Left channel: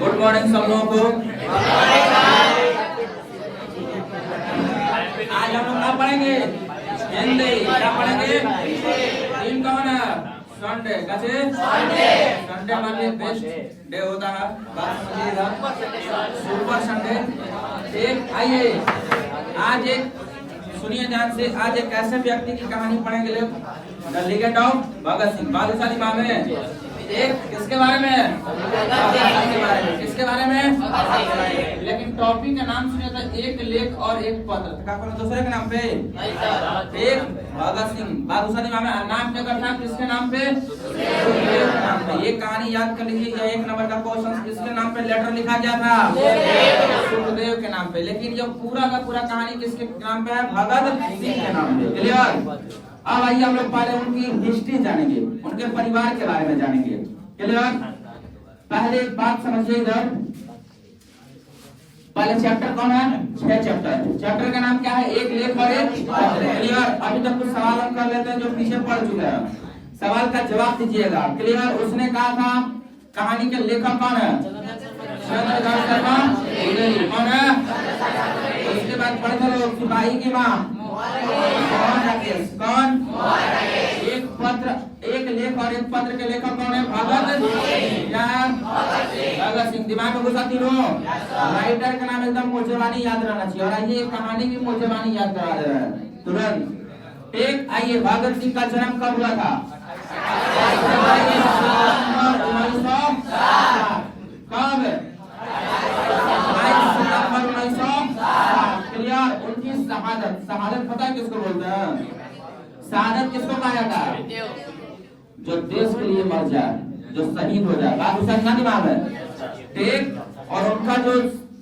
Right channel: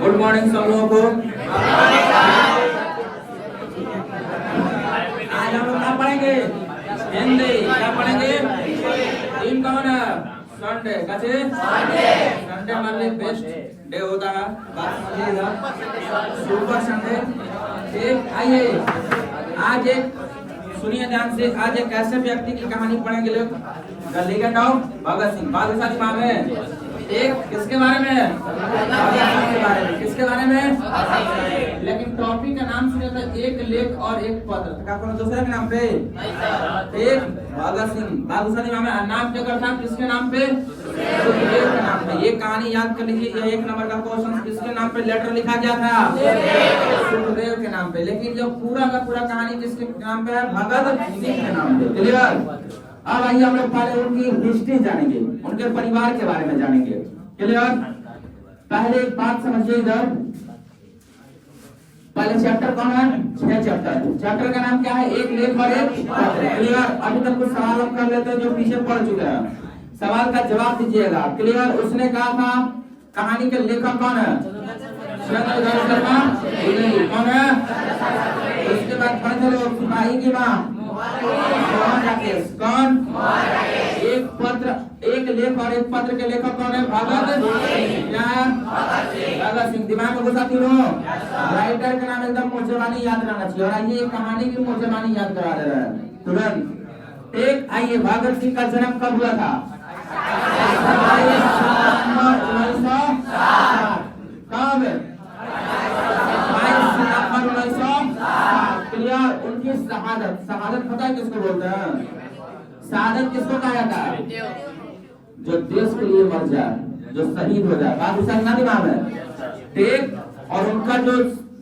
Good morning सब लोगों को। आज हम लोग क्या पढ़ेंगे? हिंदी। क्या पढ़ेंगे? टीम कौन है? संडे। कैसे? संडे हमारे बेस्ट डे होता है, बात समझिएगा। Super Sunday. ठीक, आइए आज एक सुनिए ध्यान से, आज एक ऐसे व्यक्ति की कहानी पढ़ेंगे लोग, the legend of Bhagat Singh. बादशाह दिमाग में एक किसके बारे में? भगत सिंह के बारे में। किसके बारे में? लेकिन टॉपिक का नाम सुने तो एक लेख और एक पत्र, क्या कोनो दूसरे के नाम पे? एक भगत सिंह बादशाह दिमाग में नाम क्या करता है? किसके नाम पे? सुखदेव के नाम पे। ये कहानी याद कर लीजिए, ये 1 नंबर का क्वेश्चन। किसके नाम पे लेटर लिखा गया था? सुखदेव के नाम पे। लेकिन जो पूरा का पूरा कहानी किसके नाम पे है? भगत सिंह के नाम पे। क्लियर? अब आइए हम लोग पहले उनकी हिस्ट्री जानेंगे, उनके परिवार के बारे में जानेंगे। क्लियर? पहले एक बात समझिएगा, पहले चैप्टर कौन है? 6 चैप्टर। चैप्टर का नाम क्या है? एक लेख और एक पत्र। क्लियर? अभी तक कुछ सवाल हम कर लेते हैं जो पीछे पढ़ चुके हैं, सवाल का जवाब दीजिएगा। क्लियर? उसने कहा था कहानी के लेखक कौन है? चंद्रशेखर शर्मा। कौन है? उसके बाद पढ़ते लोग सिपाही की माँ कौन? एक पत्र, एक लेख और एक पत्र के लेखक कौन है? भगत सिंह। दिमाग में घुसा तीनों। राइटर का नाम एकदम मोचेवानी याद रहना चाहिए, और ये कहानी की मोचेवानी याद करा दे रहे हैं तुरंत। एक आइए, भगत सिंह का जन्म कब हुआ था? कब? 1960। क्लियर? उनकी शहादत, शहादत पता है किसको बोलते हैं? शहादत किसको कहा जाता है? जो देश के लिए मर जाए, जो शहीद हो जाए। बात उसका क्या दिमाग है? ठीक। और उनका जो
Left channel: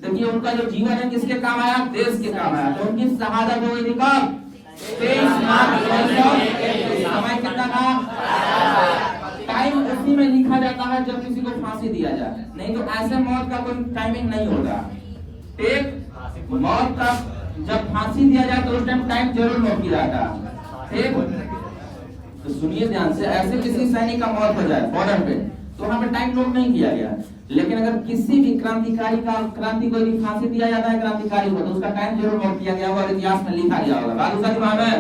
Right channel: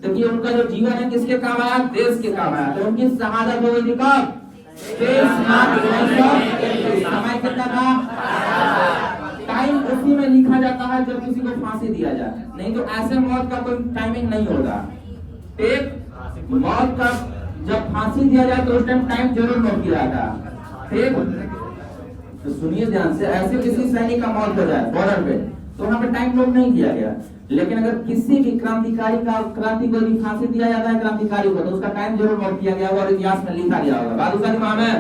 देखिए, उनका जो जीवन है किसके काम आया? देश के काम आया। तो उनकी शहादत हो गई कब? 23 मार्च 1931। समय कितना था? टाइम उसी में लिखा जाता है जब किसी को फांसी दिया जाए, नहीं तो ऐसे मौत का कोई टाइमिंग नहीं होता। ठीक। मौत का जब फांसी दिया जाए तो उस टाइम जरूर नोट किया जाता है। ठीक। तो सुनिए ध्यान से, ऐसे किसी सैनिक का मौत हो जाए बॉर्डर पे तो वहां पे टाइम नोट नहीं किया गया। लेकिन अगर किसी भी क्रांतिकारी का, क्रांति को भी फांसी दिया जाता है क्रांतिकारी को, तो उसका टाइम जरूर नोट किया गया होगा और इतिहास में लिखा गया होगा। बात उसका दिमाग में।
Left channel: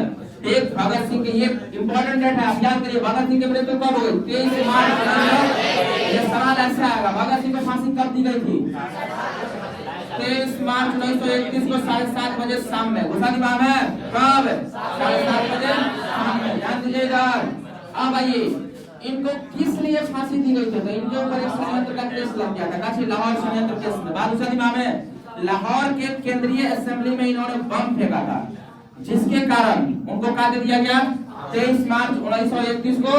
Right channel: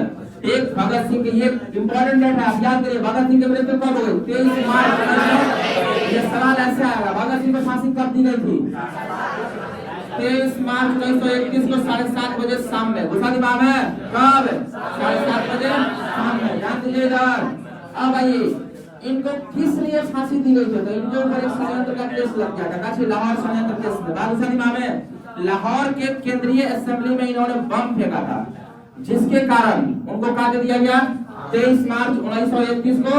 एक भगत सिंह के, ये इंपॉर्टेंट डेट है, आप याद करिए। भगत सिंह के मृत्यु कब हो गई? 23 मार्च। ये सवाल ऐसे आएगा, भगत सिंह को फांसी कब दी गई थी? 23 मार्च 1931 को 7:30 बजे शाम में। घुसा दिमाग है? कब? 7:30 बजे शाम में। ध्यान दीजिएगा। अब आइए, इनको किस लिए फांसी दी गई थी? तो इनके ऊपर एक षड्यंत्र का केस लग गया था, काशी लाहौर षड्यंत्र केस में। बात घुसा दिमाग में। लाहौर के केंद्रीय असेंबली में इन्होंने बम फेंका था, जिसके कारण उनको क्या दे दिया गया? 23 मार्च 1931 को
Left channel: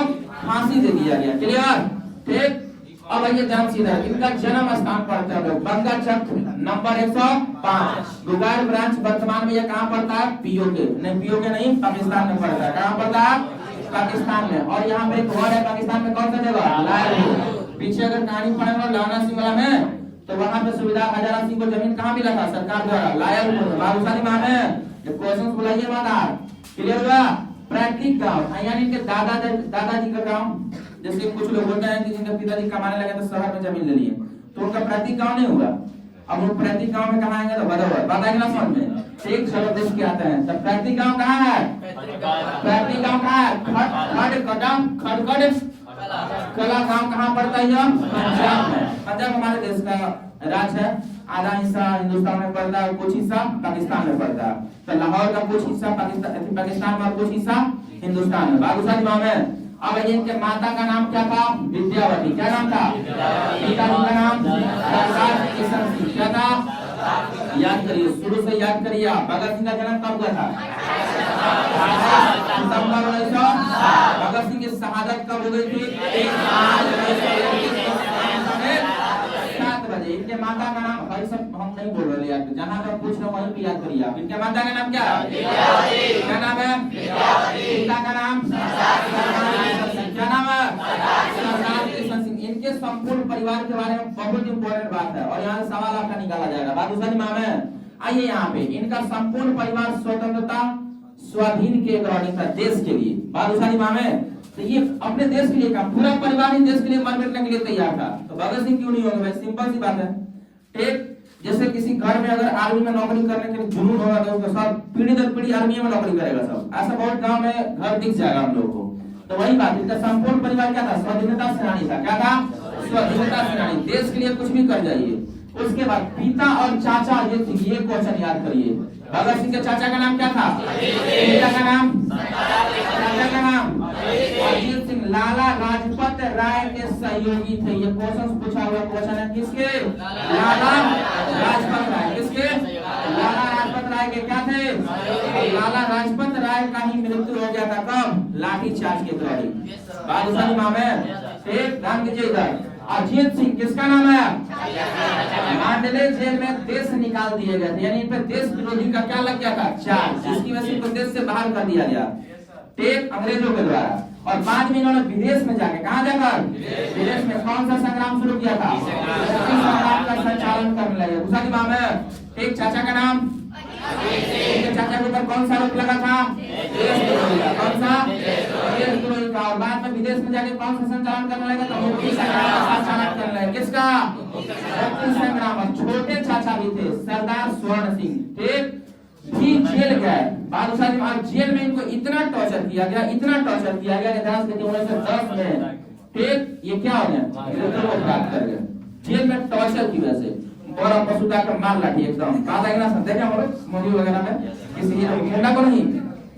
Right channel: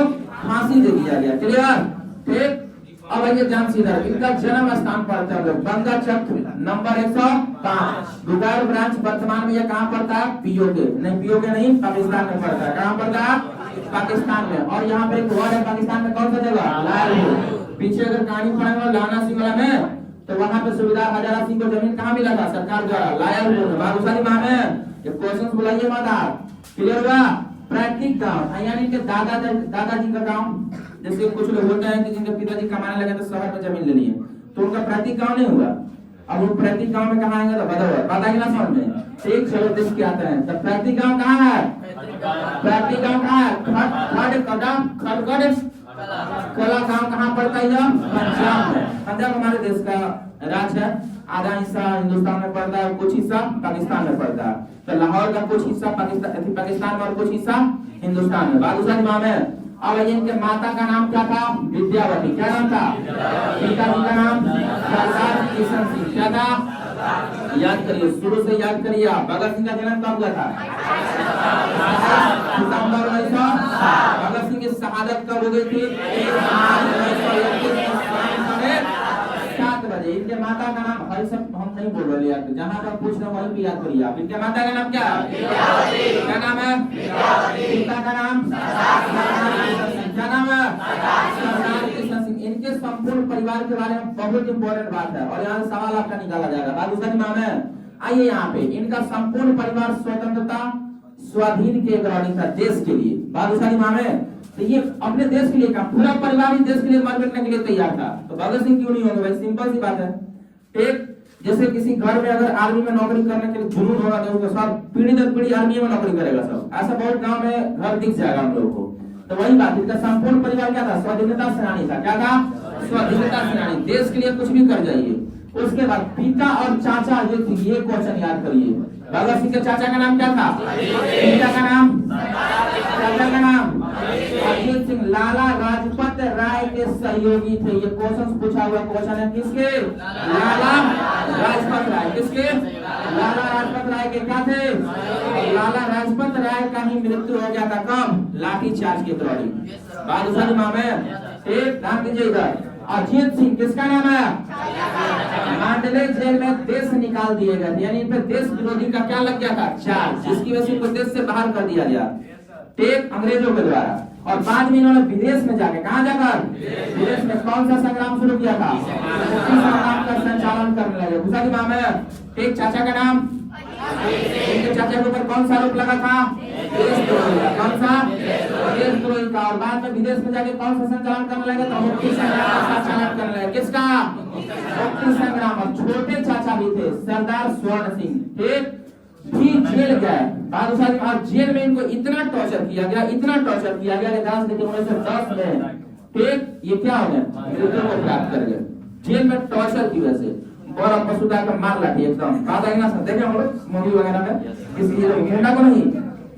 फांसी दे दिया गया। क्लियर? ठीक। अब आइए ध्यान सीधा, इनका जन्म स्थान पड़ता है बंगा चक नंबर 105, दुगार ब्रांच। वर्तमान में यह कहाँ पड़ता है? पीओके नहीं, पीओके नहीं, पाकिस्तान में पड़ता है। कहाँ पड़ता है? पाकिस्तान में। और यहाँ पे एक वर्ड है पाकिस्तान में, कौन सा जगह? लालपुर। पीछे अगर कहानी पढ़ेंगे लावना सिंह वाला में, तो वहाँ पे सुविधा हजारा सिंह को जमीन कहाँ मिला था? सरकार द्वारा। लालपुर। बाबूसानी माँ में ये क्वेश्चन बुलाइए मत आप। क्लियर हुआ? पैतृक गांव यानी इनके दादाजी का गांव। जैसे कुछ लोग होता है कि जिनके पिताजी कमाने लगे तो शहर में जमीन ले लिए, तो उनका पैतृक गांव नहीं हुआ। अब वो पैतृक गांव में कहाँ आएंगे? तो बदौर। बात आएगी ना समझ में? ठीक। चलो देख के आते हैं। तो पैतृक गांव कहाँ है? पैतृक गांव कहाँ है? खड़गड़ कला गांव कहाँ पड़ता है? पंजाब में। पंजाब हमारे देश का राज्य है। आधा हिस्सा हिंदुस्तान में पड़ता है, कुछ हिस्सा पाकिस्तान में पड़ता है। तो लाहौर का कुछ हिस्सा पाकिस्तान में और कुछ हिस्सा हिंदुस्तान में। बाबूसानी माँ में। अब इनके माता का नाम क्या था? विद्यावती। क्या नाम था? पिता का नाम सरदार किशन सिंह। क्या था? याद करिए, शुरू से याद करिए। भगत सिंह का जन्म कब हुआ था? सितंबर 1900। भगत सिंह की शहादत कब हो गई थी? 7 बजे। इनके माता का नाम, भाई सब हम नहीं बोल रहे यार, जहाँ का पूछ रहे वही भी याद करिए आप। इनके माता का नाम क्या है? क्या नाम है? पिता का नाम क्या नाम है? सरदार किशन सिंह। इनके संपूर्ण परिवार के बारे में बहुत इंपॉर्टेंट बात है, और यहाँ से सवाल आपका निकाला जाएगा। बाबूसानी माँ में आइए, यहाँ पे इनका संपूर्ण परिवार स्वतंत्रता स्वाधीन के ग्रहणी था देश के लिए। बाबूसानी माँ में तो ये अपने देश के लिए काम, पूरा परिवार ही देश के लिए मर मिटने के लिए तैयार था, तो भगत सिंह क्यों नहीं होंगे भाई? सिंपल सी बात है। एक जैसे किसी घर में अगर आर्मी में नौकरी करने के लिए जुनून होगा तो उसका सब पीढ़ी दर पीढ़ी आर्मी में नौकरी करेगा सब, ऐसा बहुत गांव में घर दिख जाएगा हम लोगों को। तो वही बात, इसका संपूर्ण परिवार क्या था? स्वाधीनता सेनानी था। क्या था? स्वाधीनता सेनानी, देश के लिए कुछ भी कर जाइए। उसके बाद पिता और चाचा ये थे, ये क्वेश्चन याद करिए। भगत सिंह के चाचा का नाम क्या था? पिता का नाम, चाचा का नाम अजीत सिंह। लाला लाजपत राय के सहयोगी थे। ये क्वेश्चन पूछा हुआ क्वेश्चन है किसके? लाला लाजपत राय। किसके? लाला लाजपत राय के क्या थे? लाला लाजपत राय का ही मृत्यु हो गया था। कब? लाठी चार्ज के दौरान। बात समझ में? एक नाम कीजिए इधर, अजीत सिंह। किसका नाम है? मांडले जेल में देश निकाल दिए गए, यानी इन पे देश विरोधी का क्या लग गया था? चार्ज, जिसकी वजह से इनको देश से बाहर कर दिया गया, टेप अंग्रेजों के द्वारा। और बाद में इन्होंने विदेश में जाके, कहाँ जाकर? विदेश में कौन सा संग्राम शुरू किया था? संग्राम का संचालन करने लगे। दूसरा नाम है एक चाचा का नाम, इनके चाचा के ऊपर कौन सा आरोप लगा था? कौन सा? देशद्रोही का। और बाद में विदेश में जाके कौन सा संचालन करने लगे? तो मुक्ति संग्राम का संचालन करने लगे। किसका? मुक्ति संग्राम। छोटे चाचा भी थे सरदार स्वर्ण सिंह, ठीक, भी जेल गए। बाद जेल में इनको इतना टॉर्चर किया गया, इतना टॉर्चर किया गया कि 1910 में, ठीक, ये क्या हो गया? मृत्यु को प्राप्त कर गए जेल में टॉर्चर की वजह से। और पशुता का मार लाठी एकदम, बात आएगा ना, देखा हम लोग मूवी वगैरह में, किसी हीरो को नहीं,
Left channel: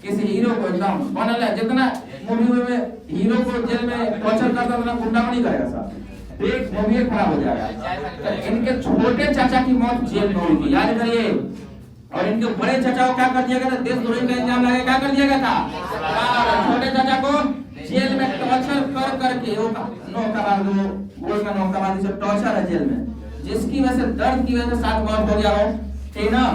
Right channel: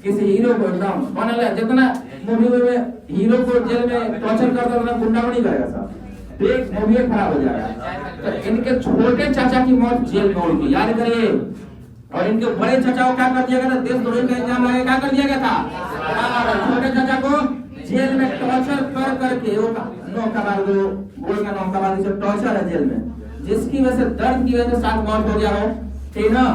किसी हीरो को एकदम बनल है, जितना मूवी में हीरो को जेल में टॉर्चर करता है उतना गुंडा नहीं करेगा साहब, एक मूवी खराब हो जाएगा। तो इनके छोटे चाचा की मौत जेल में हुई, याद करिए। और इनके बड़े चाचा को क्या कर दिया गया था? देशद्रोही का इल्जाम लगाया, क्या कर दिया गया था? और छोटे चाचा को जेल में टॉर्चर कर करके, गोल का नौकाबाजी सब टॉर्चर है जेल में, जिसकी वजह से दर्द की वजह से साथ मौत हो गया हो, ठीक ना।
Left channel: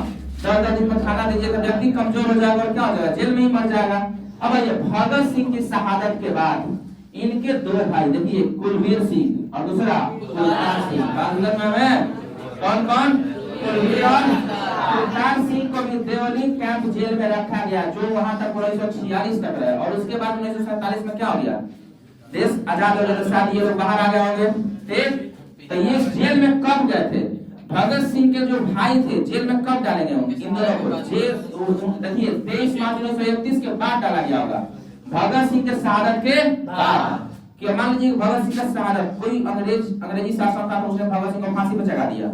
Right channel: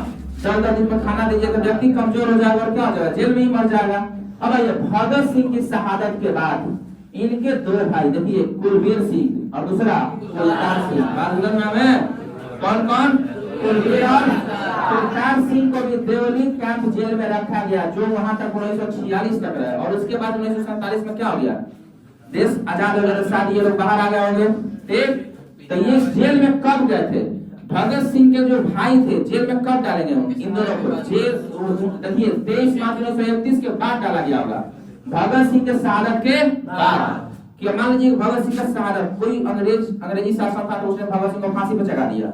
14 दिन में खाना दीजिए तो व्यक्ति कमजोर हो जाएगा और क्या हो जाएगा? जेल में ही मर जाएगा। अब ये भगत सिंह की शहादत के बाद इनके दो भाई, देखिए, कुलवीर सिंह और दूसरा कुलतार सिंह। बात नाम है कौन कौन? कुलवीर और कुलतार सिंह को भी देवली कैंप जेल में रखा गया, जो वहां तक 1946 तक रहे। और उसके बाद 1947 में क्या हो गया? देश आजाद हो गया, साथ ये लोग बाहर आ गए होंगे, ठीक। तो ये जेल में कब गए थे? भगत सिंह के जो भाई थे जेल में कब डाले गए होंगे? इन दोनों को जेल, देखिए, 23 मार्च 1931 के बाद डाला गया होगा, भगत सिंह के शहादत के बाद। कि मान लीजिए भगत सिंह का शहादत, कोई अंग्रेजी शासन था तो उसने भगत सिंह को फांसी पर चढ़ा दिया,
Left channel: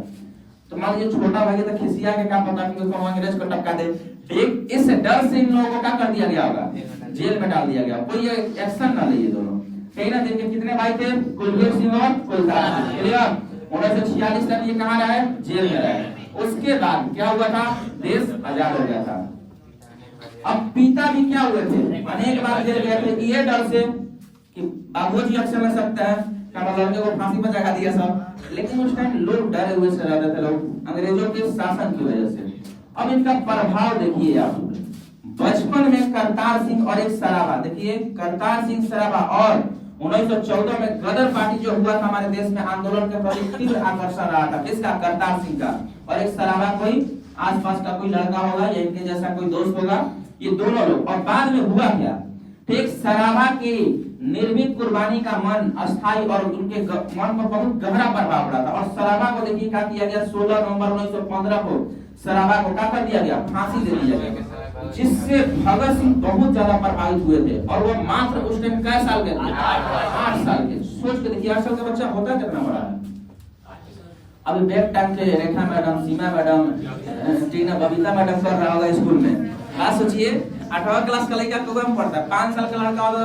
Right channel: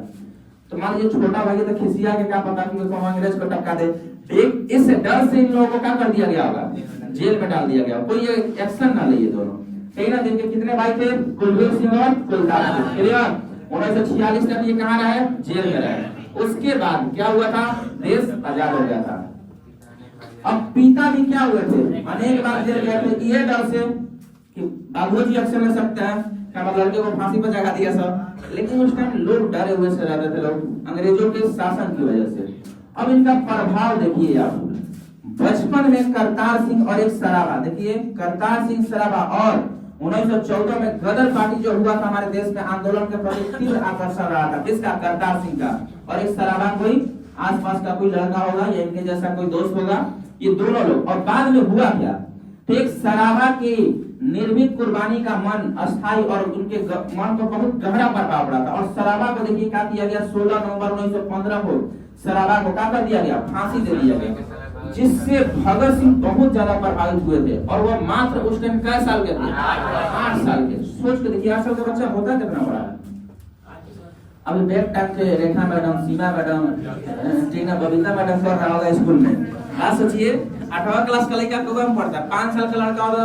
तो मान लीजिए छोटा भाई तो खिसिया के क्या पता कि उसको अंग्रेज को टपका दे, ठीक। इस डर से इन लोगों को क्या कर दिया गया होगा? जेल में डाल दिया गया। कोई ये एक्शन ना ले ये दोनों, ठीक ना। जिनके कितने भाई थे? कुलवीर सिंह और कुलतार सिंह। क्लियर? 1946 तक ये कहाँ रहे? जेल में रहे। उसके बाद क्या हुआ था? देश आजाद हो गया था। अब पिता भी क्या हुए थे? अनेक बार जेल गए थे, ये डर से कि बाबूजी एक्शन ले सकते हैं, लड़के को फांसी पर चढ़ा दिया सब। लेकिन उस टाइम लोग डरे हुए से रहते थे, लोग अंग्रेजों के शासन की वजह से। अब इनका प्रभाव देखिए आप, बचपन में करतार सिंह और एक सराबा, देखिए करतार सिंह सराबा, और 1914 में गदर पार्टी जो हुआ था हमारे देश में, आंदोलन के प्रति तीव्र आकर्षण रहा था। किसका? करतार सिंह का। और एक सराबा, कोई आसपास का कोई लड़का होगा या इनके जैसा कोई दोस्त होगा, ये दोनों लोग। और बाद में हुआ क्या? ठीक, सराबा की निर्भीक कुर्बानी का मन अस्थायी और उनके मन पर बहुत गहरा प्रभाव पड़ा था। और सराबा को देखिए क्या किया गया? 16 नवंबर 1915 को सराबा को क्या कर दिया गया? फांसी दे दिया गया, जिससे भगत सिंह बहुत ज्यादा प्रभावित हुए थे। और वो मात्र उस टाइम कै साल के थे? 8 साल के। सोच के देखिए 8 साल का बच्चा होता कितना बड़ा। अभी बैग टांग के रेखा मैडम, सीमा मैडम, टीना, बबीता मैडम कर रहा होगा स्कूल में। बात सोचिए, 8वां क्लास का लड़का कौन पढ़ता है? 5 साल का लड़का होगा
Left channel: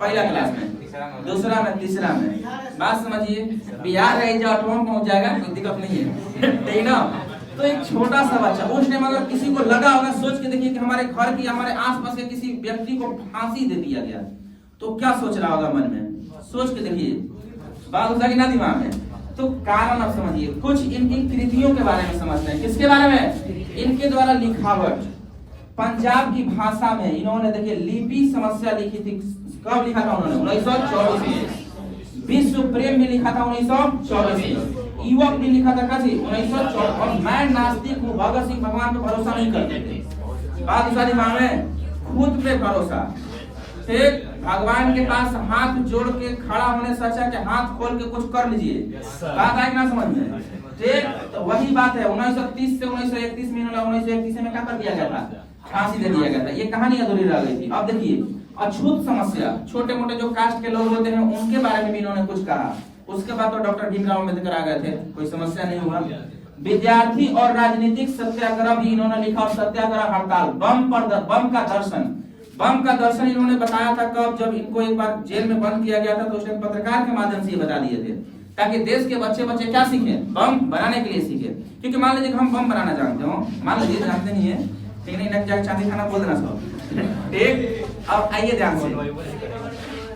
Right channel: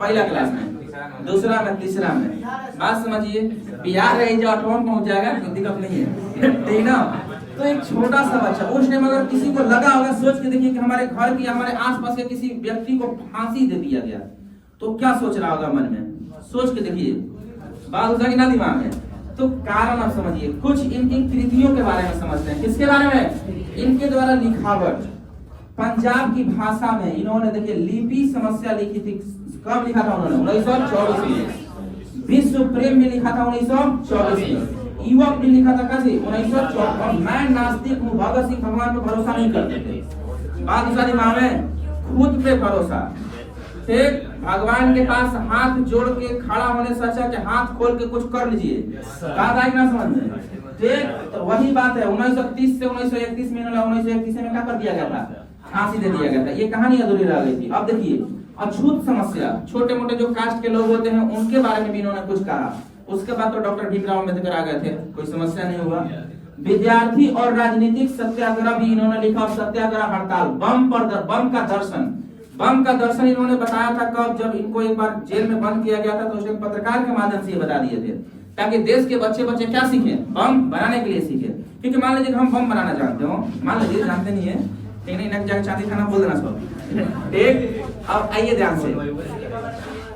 पहला क्लास में, दूसरा में, तीसरा में। बात समझिए, बिहार रह जाए 8वां पहुंच जाएगा, कोई दिक्कत नहीं है, ठीक ना। तो एक छोटा सा बच्चा उस टाइम अगर किसी को लगा होगा, सोच के देखिए कि हमारे घर की, हमारे आसपास के किसी व्यक्ति को फांसी दे दिया गया, तो क्या सोच रहा होगा मन में? सोच के देखिए, बात होता कि ना दिमाग में। तो कारण आप समझिए, कुछ इनकी कृतियों के बारे में समझते हैं। किसके बारे में? इनके द्वारा लिखावट, पंजाब की भाषा में इन्होंने देखिए लिपि समस्या लिखी थी। कब लिखा था उन्होंने? 1924 में। विश्व प्रेम भी लिखा था 1924 में। युवक भी लिखा था कैसे? 1924। और मैं नास्तिक हूँ, भगत सिंह भगवान पे भरोसा नहीं करते थे। बात सारी माँ में खुद पे भरोसा, ठीक। भगवान के पास हाथ जोड़ के खड़ा होने से अच्छा कि हाथ खोल के कुछ कर लीजिए। बात आएगी ना समझ में? ठीक, तो वही बात है। 1930 से 1931 में 1931 में क्या कर दिया गया था? फांसी दे दिया गया था। ये कहानी अधूरी रह गई थी। अब देखिए अछूत समस्या, छोटे मोटे जो कास्ट के लोग होते हैं उनके बारे में भी इन्होंने कुछ कहा। उसके बाद तो डॉक्टर भीमराव अम्बेडकर आ गए थे, कोई समस्या नहीं हुआ। विद्यार्थी और राजनीतिक सत्याग्रह भी इन्होंने लिखा, और सत्याग्रह हड़ताल, बम का दर्शन इन्होंने बताया था कब? जब इनको एक बार जेल में बंद किया गया था तो उसे पत्रकार के माध्यम से ये बता दिए थे, ताकि देश के बच्चे क्या सीखे? बम बनाने के लिए सीखे। क्योंकि मान लीजिए हम बम बनाना जानते हो, मान लीजिए जानते नहीं है, ठीक नहीं, जाकर चांदी खाना बोल देना सब, ठीक। अब आइए ध्यान से,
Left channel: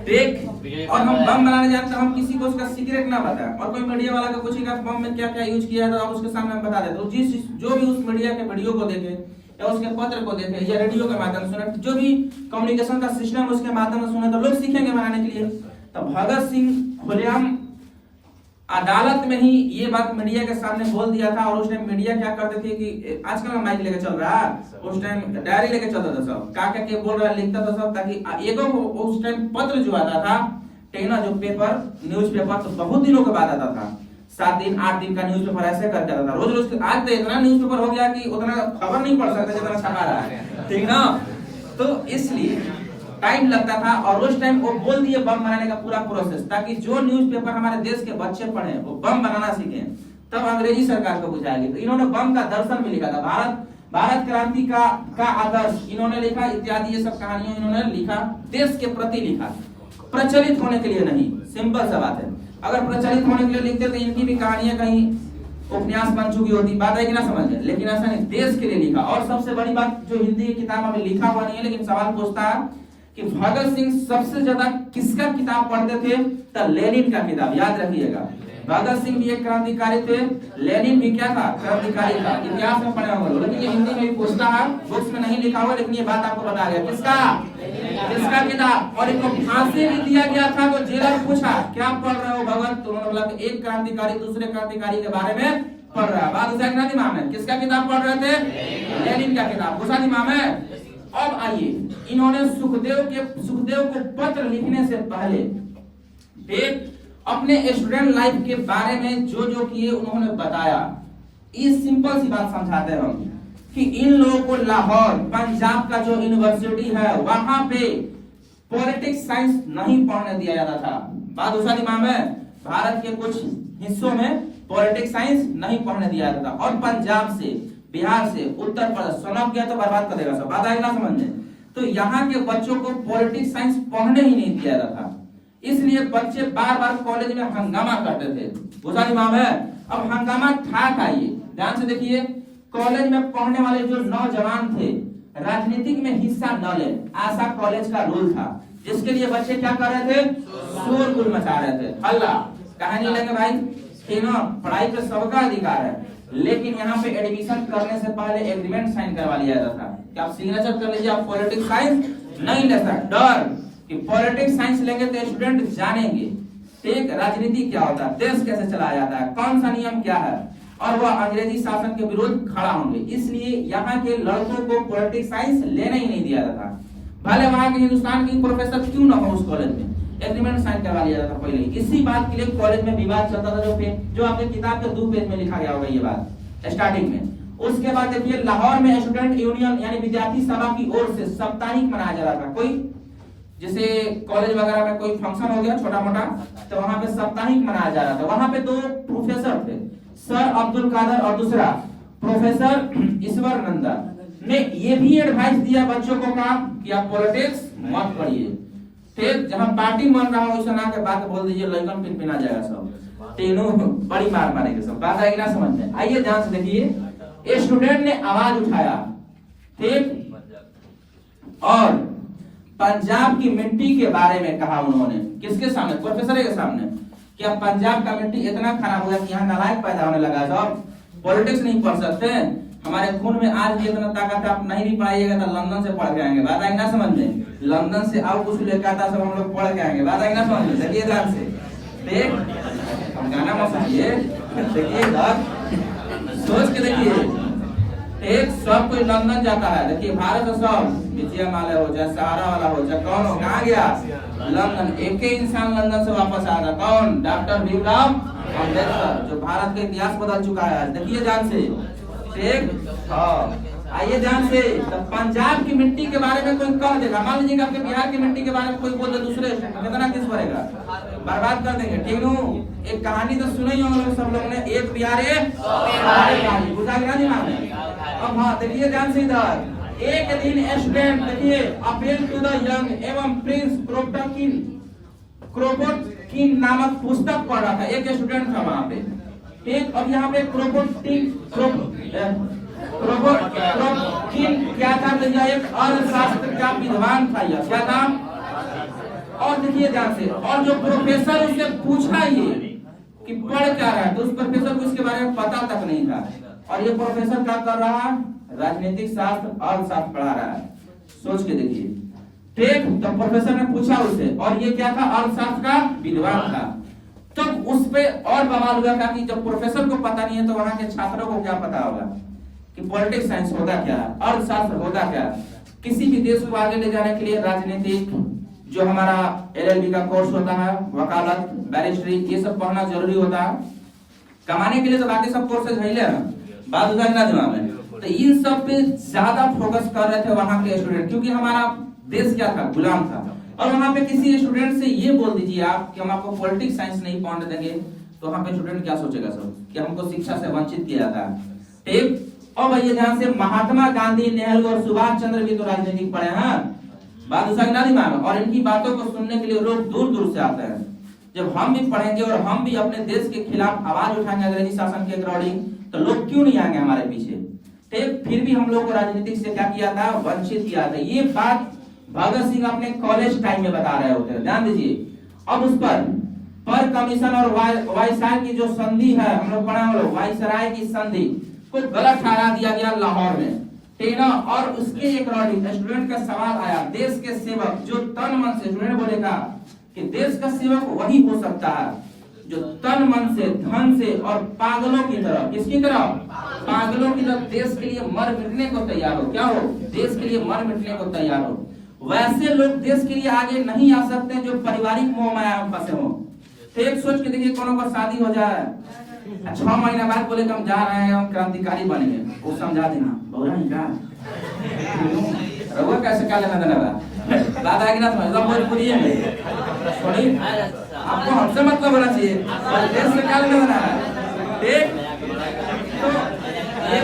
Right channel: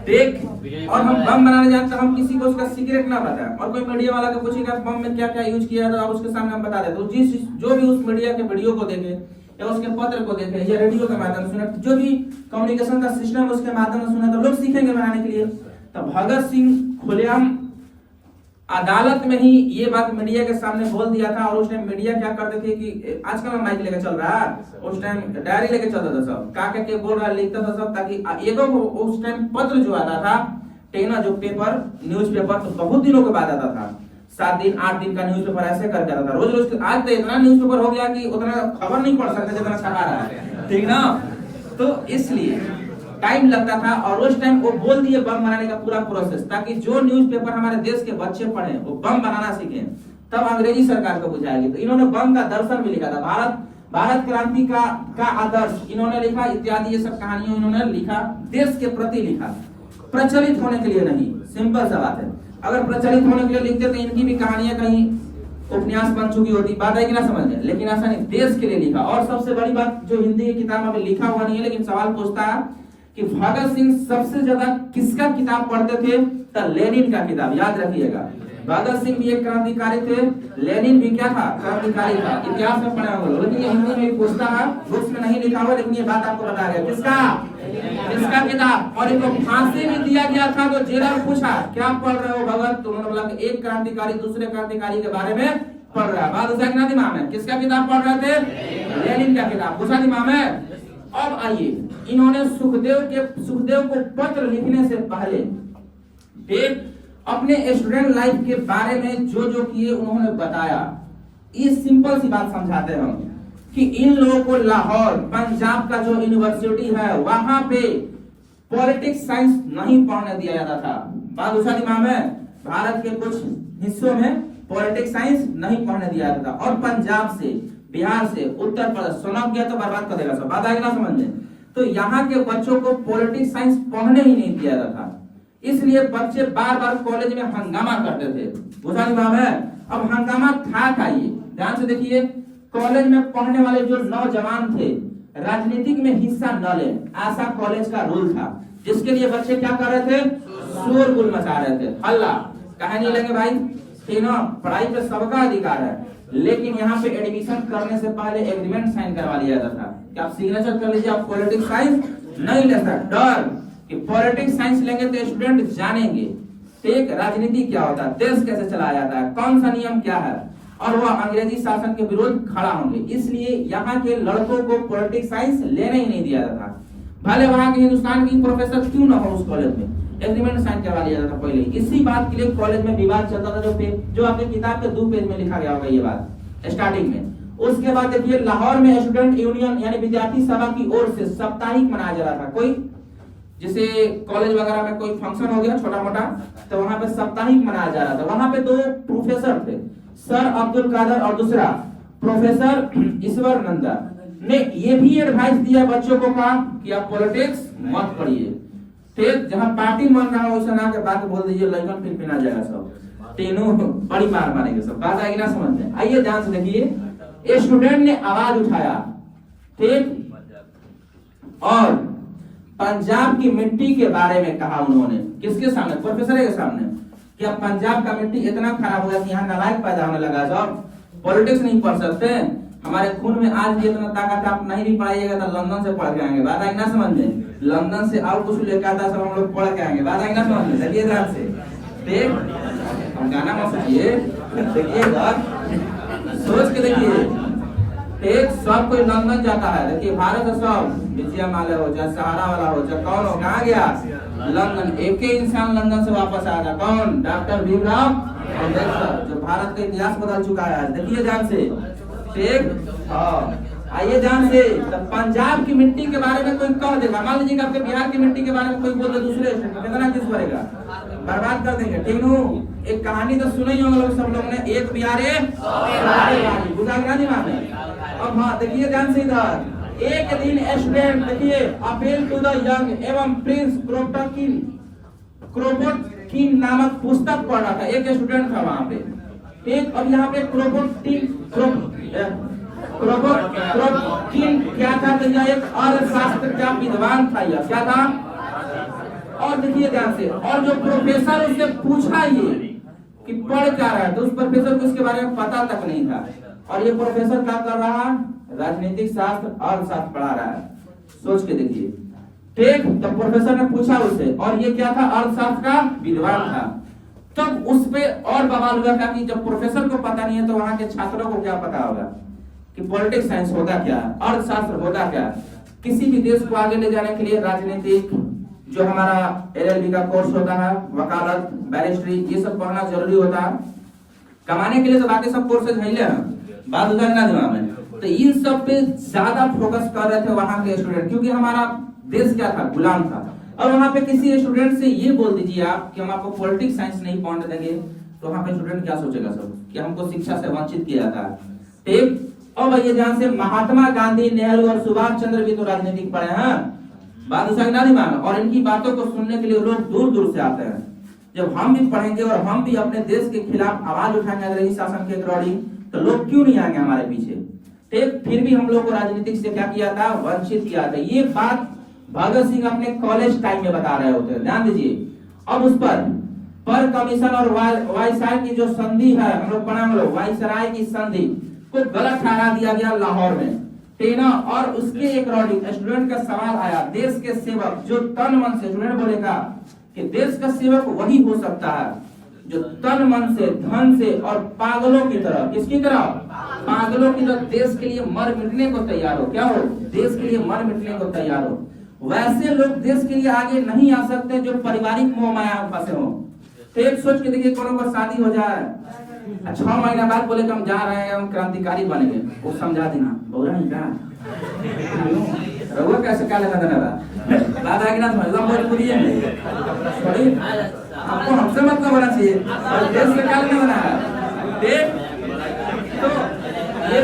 ठीक। और हम बम बनाने जानते, हम किसी को उसका सीक्रेट ना बताएं, और कोई मीडिया वाला को पूछेगा बम में क्या क्या यूज किया, तो आप उसके सामने हम बता देते। तो जो भी उस मीडिया के वीडियो को देखे या उसके पत्र को देखे या रेडियो के माध्यम से सुने, जो भी कम्युनिकेशन का सिस्टम उसके माध्यम से सुने, तो लोग सीखेंगे बनाने के लिए। तो भगत सिंह खुलेआम अदालत में ही ये बात मीडिया के सामने बोल दिया था। और उस टाइम मीडिया क्या करते थे कि आजकल माइक लेके चल रहा है, उस टाइम डायरी लेके चलता था सब, का के बोल रहा लिखता था सब, ताकि एगो उस टाइम पत्र जो आता था टेना जो पेपर न्यूज़पेपर, तो बहुत दिनों के बाद आता था, 7 दिन 8 दिन का न्यूज़पेपर ऐसे करके आता था रोज रोज। आज तो इतना न्यूज़पेपर हो गया कि उतना खबर नहीं पढ़ सकते जितना छपा रहा है, ठीक ना? तो इसलिए टाइम लगता था। और उस टाइम वो बोल दिए बम बनाने का पूरा प्रोसेस, ताकि जो न्यूज़पेपर हमारे देश के बच्चे पढ़े वो बम बनाना सीखें। तब अंग्रेजी सरकार को बुझाएगी। तो इन्होंने बम का दर्शन भी लिखा था, भारत क्रांति का आदर्श इन्होंने लिखा, इत्यादि ये सब कहानियां इन्होंने लिखा, देश के प्रति लिखा, प्रचलित होने के लिए नहीं। सिंपल सा बात है, अगर प्रचलित होने के लिए लिखते तो इनकी भी कहानियां कहीं उपन्यास बन चुकी होती, बात है कि ना समझ में? लेकिन ऐसा नहीं, देश के लिए लिखा। और सबसे बड़ी बात, जो हिंदी की किताब में लिखा हुआ नहीं है, लेकिन सवाल पूछता है कि भगत सिंह सबसे ज्यादा किसका किताब पढ़ते थे? तो लेनिन का किताब। याद रखिएगा, भगत सिंह भी एक क्रांतिकारी थे, लेनिन भी क्या था? क्रांतिकारी था। इतिहास में पढ़ा हुआ, लेकिन ये हिंदी में भी पूछता है, बुक्स में नहीं लिखा हुआ, लेकिन ये बात आपको बता गया किसका किताब। और इनको फांसी भी दिया गया था। तो जेलर पूछा क्या पढ़ रहे हो भगत? तो उन्होंने बोला कि एक क्रांतिकारी दूसरे क्रांतिकारी के बारे में पढ़ रहा है। बात उसे दिमाग में, किसका किताब पढ़ रहे थे? लेनिन का किताब, घुसा दिमाग में। अब आइए, इन्होंने सुखदेव को पत्र लिखने से पहले एक अपने स्टूडेंट लाइफ के बारे में जो किए उन्होंने बताया। इस सिंपल सी बात समझाते हम कि इन लोगों को लाहौर पंजाब का जो यूनिवर्सिटी है वहां पे पॉलिटिक्स साइंस नहीं पढ़ने दिया जाता था। बात उसा दिमाग में, भारत के कुछ हिस्सों में पॉलिटिक्स साइंस नहीं पढ़ने दिया जाता था। और पंजाब से, बिहार से, उत्तर प्रदेश सनक गया तो बर्बाद कर देगा सब। बात आएगी ना समझ में? तो यहाँ के बच्चों को पॉलिटिक्स साइंस पढ़ने ही नहीं दिया जाता था। इसलिए बच्चे बार बार कॉलेज में हंगामा करते थे। बुझा दिमाग है? अब हंगामा था क्या? ये ध्यान से देखिए, कॉलेज में पढ़ने वाले जो नौजवान थे राजनीतिक में हिस्सा न ले, ऐसा कॉलेज का रूल था, जिसके लिए बच्चे क्या कर रहे थे? शोरगुल मचा रहे थे, हल्ला। कहानी लगे भाई, पढ़ाई पे सबका अधिकार है, लेकिन यहाँ पे एडमिशन करने से पहले एग्रीमेंट साइन करवा लिया जाता था कि आप सिग्नेचर कर लीजिए, आप पॉलिटिक्स साइंस नहीं ले सकते। डर कि पॉलिटिक्स साइंस लेंगे तो स्टूडेंट जानेंगे ठीक राजनीति क्या होता है, देश कैसे चलाया जाता है, कौन सा नियम क्या है, और वह अंग्रेजी शासन के विरुद्ध खड़ा होंगे। इसलिए यहाँ के लड़कों को पॉलिटिक्स साइंस लेने ही नहीं दिया जाता। भले वहाँ के हिंदुस्तान की प्रोफेसर क्यों ना हो, उस कॉलेज में एग्रीमेंट साइन करवा लिया जाता पहले। इसी बात के लिए कॉलेज में विवाद चलता था, जो आपके किताब के 2 पेज में लिखा गया होगा ये बात स्टार्टिंग में। उसके बाद देखिए, लाहौर में स्टूडेंट यूनियन यानी विद्यार्थी सभा की ओर से साप्ताहिक मनाया जा रहा था। कोई जैसे कॉलेज वगैरह में कोई फंक्शन हो गया छोटा मोटा, तो वहां पे साप्ताहिक मनाया जा रहा था। वहां पे 2 प्रोफेसर थे, सर अब्दुल कादर और दूसरा प्रोफेसर ईश्वर नंदा ने ये भी एडवाइस दिया बच्चों को कि आप पॉलिटिक्स मत पढ़िए। ठीक, जहां पार्टी मन रहा हो उस ना के बात बोल दीजिए, लइकन पिनपिना जाएगा सब, तीनों बड़ी मार मारेंगे सब। बात आएगी ना समझ में? आइए ध्यान से देखिए, स्टूडेंट ने आवाज उठाया, ठीक, और पंजाब की मिट्टी के बारे में कहा उन्होंने। किसके सामने? प्रोफेसर के सामने। कि अब पंजाब का मिट्टी इतना खराब हो गया कि यहाँ का लाइक पैदा होने लगा, जब पॉलिटिक्स नहीं पढ़ सकते, हमारे खून में आज भी इतना ताकत है, आप नहीं भी पढ़ाइएगा तो लंदन से पढ़ के आएंगे। बात आएगी ना समझ में? लंदन से और कुछ लेकर आता सब हम लोग पढ़ के आएंगे। बात आएगी ना समझ में? चलिए ध्यान से देख, गाना मत सुनिए, देखिए सोच के देखिए। एक सब कोई लंदन जाता है। देखिए भारत में सब विजय माल्या हो चाहे सहारा वाला हो चाहे कौन हो, कहाँ गया? लंदन। एक ही इंसान लंदन से वापस आया था, कौन? डॉक्टर भीमराव अम्बेडकर, जो भारत का इतिहास बदल चुका है। देखिए ध्यान से, ठीक। हाँ आइए ध्यान से, तो पंजाब की मिट्टी के बारे में कोई कह देगा, मान लीजिए आपके बिहार की मिट्टी के बारे में कोई बोल दे दूसरे, कितना किस पड़ेगा? बर्बाद कर देंगे, ठीक नू। एक कहानी तो सुने ही होंगे सब लोग ने, एक बिहारी बुझा गया दिमाग में। अब हाँ देखिए ध्यान से इधर, एक दिन स्टूडेंट देखिए अपील टू द यंग एवं प्रिंस क्रोपोटकिन नामक पुस्तक पढ़ रहा था, एक स्टूडेंट था वहां पे, ठीक। और यहाँ पे क्रोपोटकिन क्या था? तो यह एक अर्थशास्त्र का विद्वान था, यह क्या था? और देखिए ध्यान से, और जो प्रोफेसर उससे पूछा ये कि पढ़ क्या रहा है, तो उस प्रोफेसर को इसके बारे में पता तक नहीं था। और ये प्रोफेसर क्या कर रहा है? राजनीतिक शास्त्र अर्थशास्त्र पढ़ा रहा है। सोच के देखिए, ठीक। तो प्रोफेसर ने पूछा उससे, और ये क्या था? अर्थशास्त्र का विद्वान था। तब उस पे और बवाल हुआ था कि जब प्रोफेसर को पता नहीं है तो वहां के छात्रों को क्या पता होगा कि पॉलिटिक्स साइंस होता क्या है, अर्थशास्त्र होता क्या। किसी भी देश को आगे ले जाने के लिए राजनीतिक, जो हमारा LLB का कोर्स होता है, वकालत, बैरिस्ट्री, ये सब पढ़ना जरूरी होता है। कमाने के लिए तो बाकी सब कोर्सेज है, बात होता है ना दिमाग में। तो इन सब पे ज्यादा फोकस कर रहे थे वहां के स्टूडेंट, क्योंकि हमारा देश क्या था? गुलाम था। और वहां पे किसी स्टूडेंट से ये बोल दीजिए आप कि हम आपको पॉलिटिक्स साइंस नहीं पढ़ने देंगे, तो वहां पे स्टूडेंट क्या सोचेगा सब कि हमको शिक्षा से वंचित किया जाता है, ठीक। और भैया ध्यान से, महात्मा गांधी, नेहरू और सुभाष चंद्र भी तो राजनीतिक पढ़े हैं, बात हो सकता नहीं मानो। और इनकी बातों को सुनने के लिए लोग दूर दूर से आते हैं। जब हम भी पढ़ेंगे और हम भी अपने देश के खिलाफ आवाज उठाएंगे अंग्रेजी शासन के अकॉर्डिंग, तो लोग क्यों नहीं आएंगे हमारे पीछे, ठीक। फिर भी हम लोग को राजनीतिक से क्या किया था? वंचित किया था। ये बात भगत सिंह अपने कॉलेज टाइम में बता रहे होते हैं, ध्यान दीजिए। अब उस पर कमीशन और वायसराय की जो संधि है, हम लोग पढ़ा, हम लोग वायसराय की संधि को गलत ठहरा दिया गया लाहौर में, ठीक ना। और उसके अकॉर्डिंग स्टूडेंट का सवाल आया, देश के सेवक जो तन मन से, स्टूडेंट बोलेगा कि देश का सेवक वही हो सकता है जो तन मन से, धन से और पागलों की तरह, किसकी तरह? पागलों की तरह देश के लिए मर मिटने को तैयार हो। क्या हो? देश के लिए मर मिटने को तैयार हो। वैसे लोग देश के लिए आगे नहीं आ सकते जो पारिवारिक मोह माया में फंसे हो। तो एक सोच के देखिए, कोनो का शादी हो जाए, 6 महीना बाद बोले कि हम जा रहे हैं, हम क्रांतिकारी बनेंगे, वो समझा देना बोला नहीं का रहुआ कैसे क्या लगा देना बात आएगी ना, समझ भोजपुरी है थोड़ी, आपको हमसे मतलब होना चाहिए, देश से क्या लेना है, ठीक। तो ये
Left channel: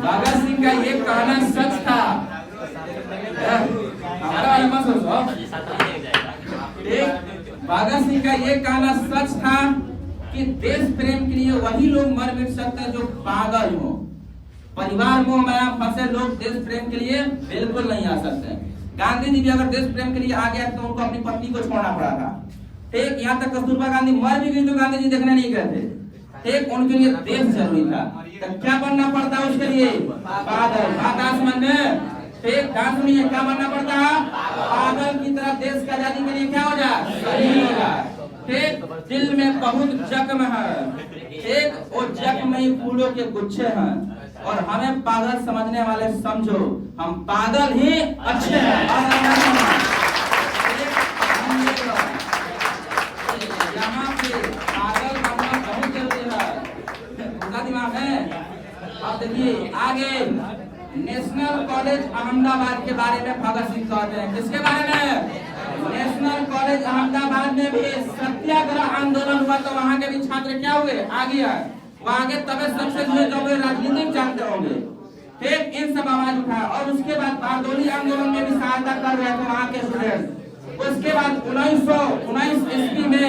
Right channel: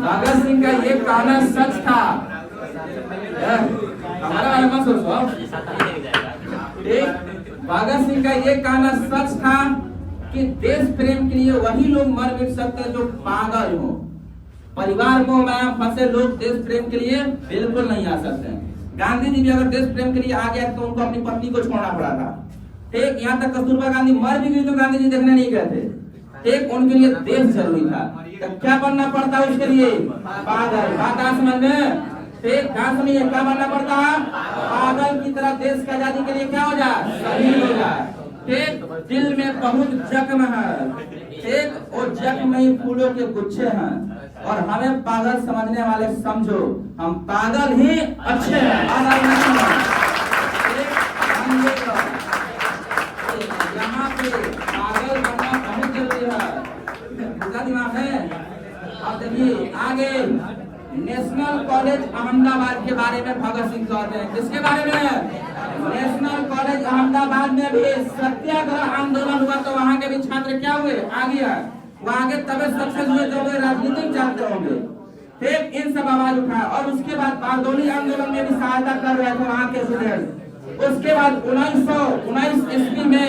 भगत सिंह का ये कहना सच था, हमारा मत सोचो, ठीक। भगत सिंह का ये कहना सच था कि देश प्रेम के लिए वही लोग मर मिट सकते हैं जो पागल हो। परिवार मोह में फंसे लोग देश प्रेम के लिए बिल्कुल नहीं आ सकते। गांधी जी भी अगर देश प्रेम के लिए आ गया तो उनको अपनी पत्नी को छोड़ना पड़ा था, ठीक। यहाँ तक कस्तूरबा गांधी मर भी गई तो गांधी जी देखने नहीं गए थे, ठीक। उनके लिए देश जरूरी था। तो क्या बनना पड़ता है उसके लिए? पागल। बात आज समझ में, ठीक। कहाँ सुनिए, क्या बनना पड़ता है? पागल की तरह देश की आजादी के लिए क्या हो जाए? शहीद हो जाए, ठीक। दिल में बहुत जख्म है, ठीक। और जख्म में फूलों के गुच्छे हैं, और हमें पागल समझने वाले समझो, हम पागल ही अच्छे हैं। यहाँ पे पागल बनना बहुत जरूरी है, पूरा दिमाग है। अब देखिए आगे, नेशनल कॉलेज अहमदाबाद के बारे में भगत सिंह कहते हैं, किसके बारे में? नेशनल कॉलेज अहमदाबाद में भी सत्याग्रह आंदोलन हुआ, तो वहाँ के भी छात्र क्या हुए? आगे आए, वहाँ के तबे सक्सेस हुए जो राजनीतिक जानते होंगे, ठीक। इन सब आवाज उठा, और उसके बाद बारदोली आंदोलन में भी सहायता कर रहे थे वहाँ के स्टूडेंट। उसके बाद 1919 ईस्वी में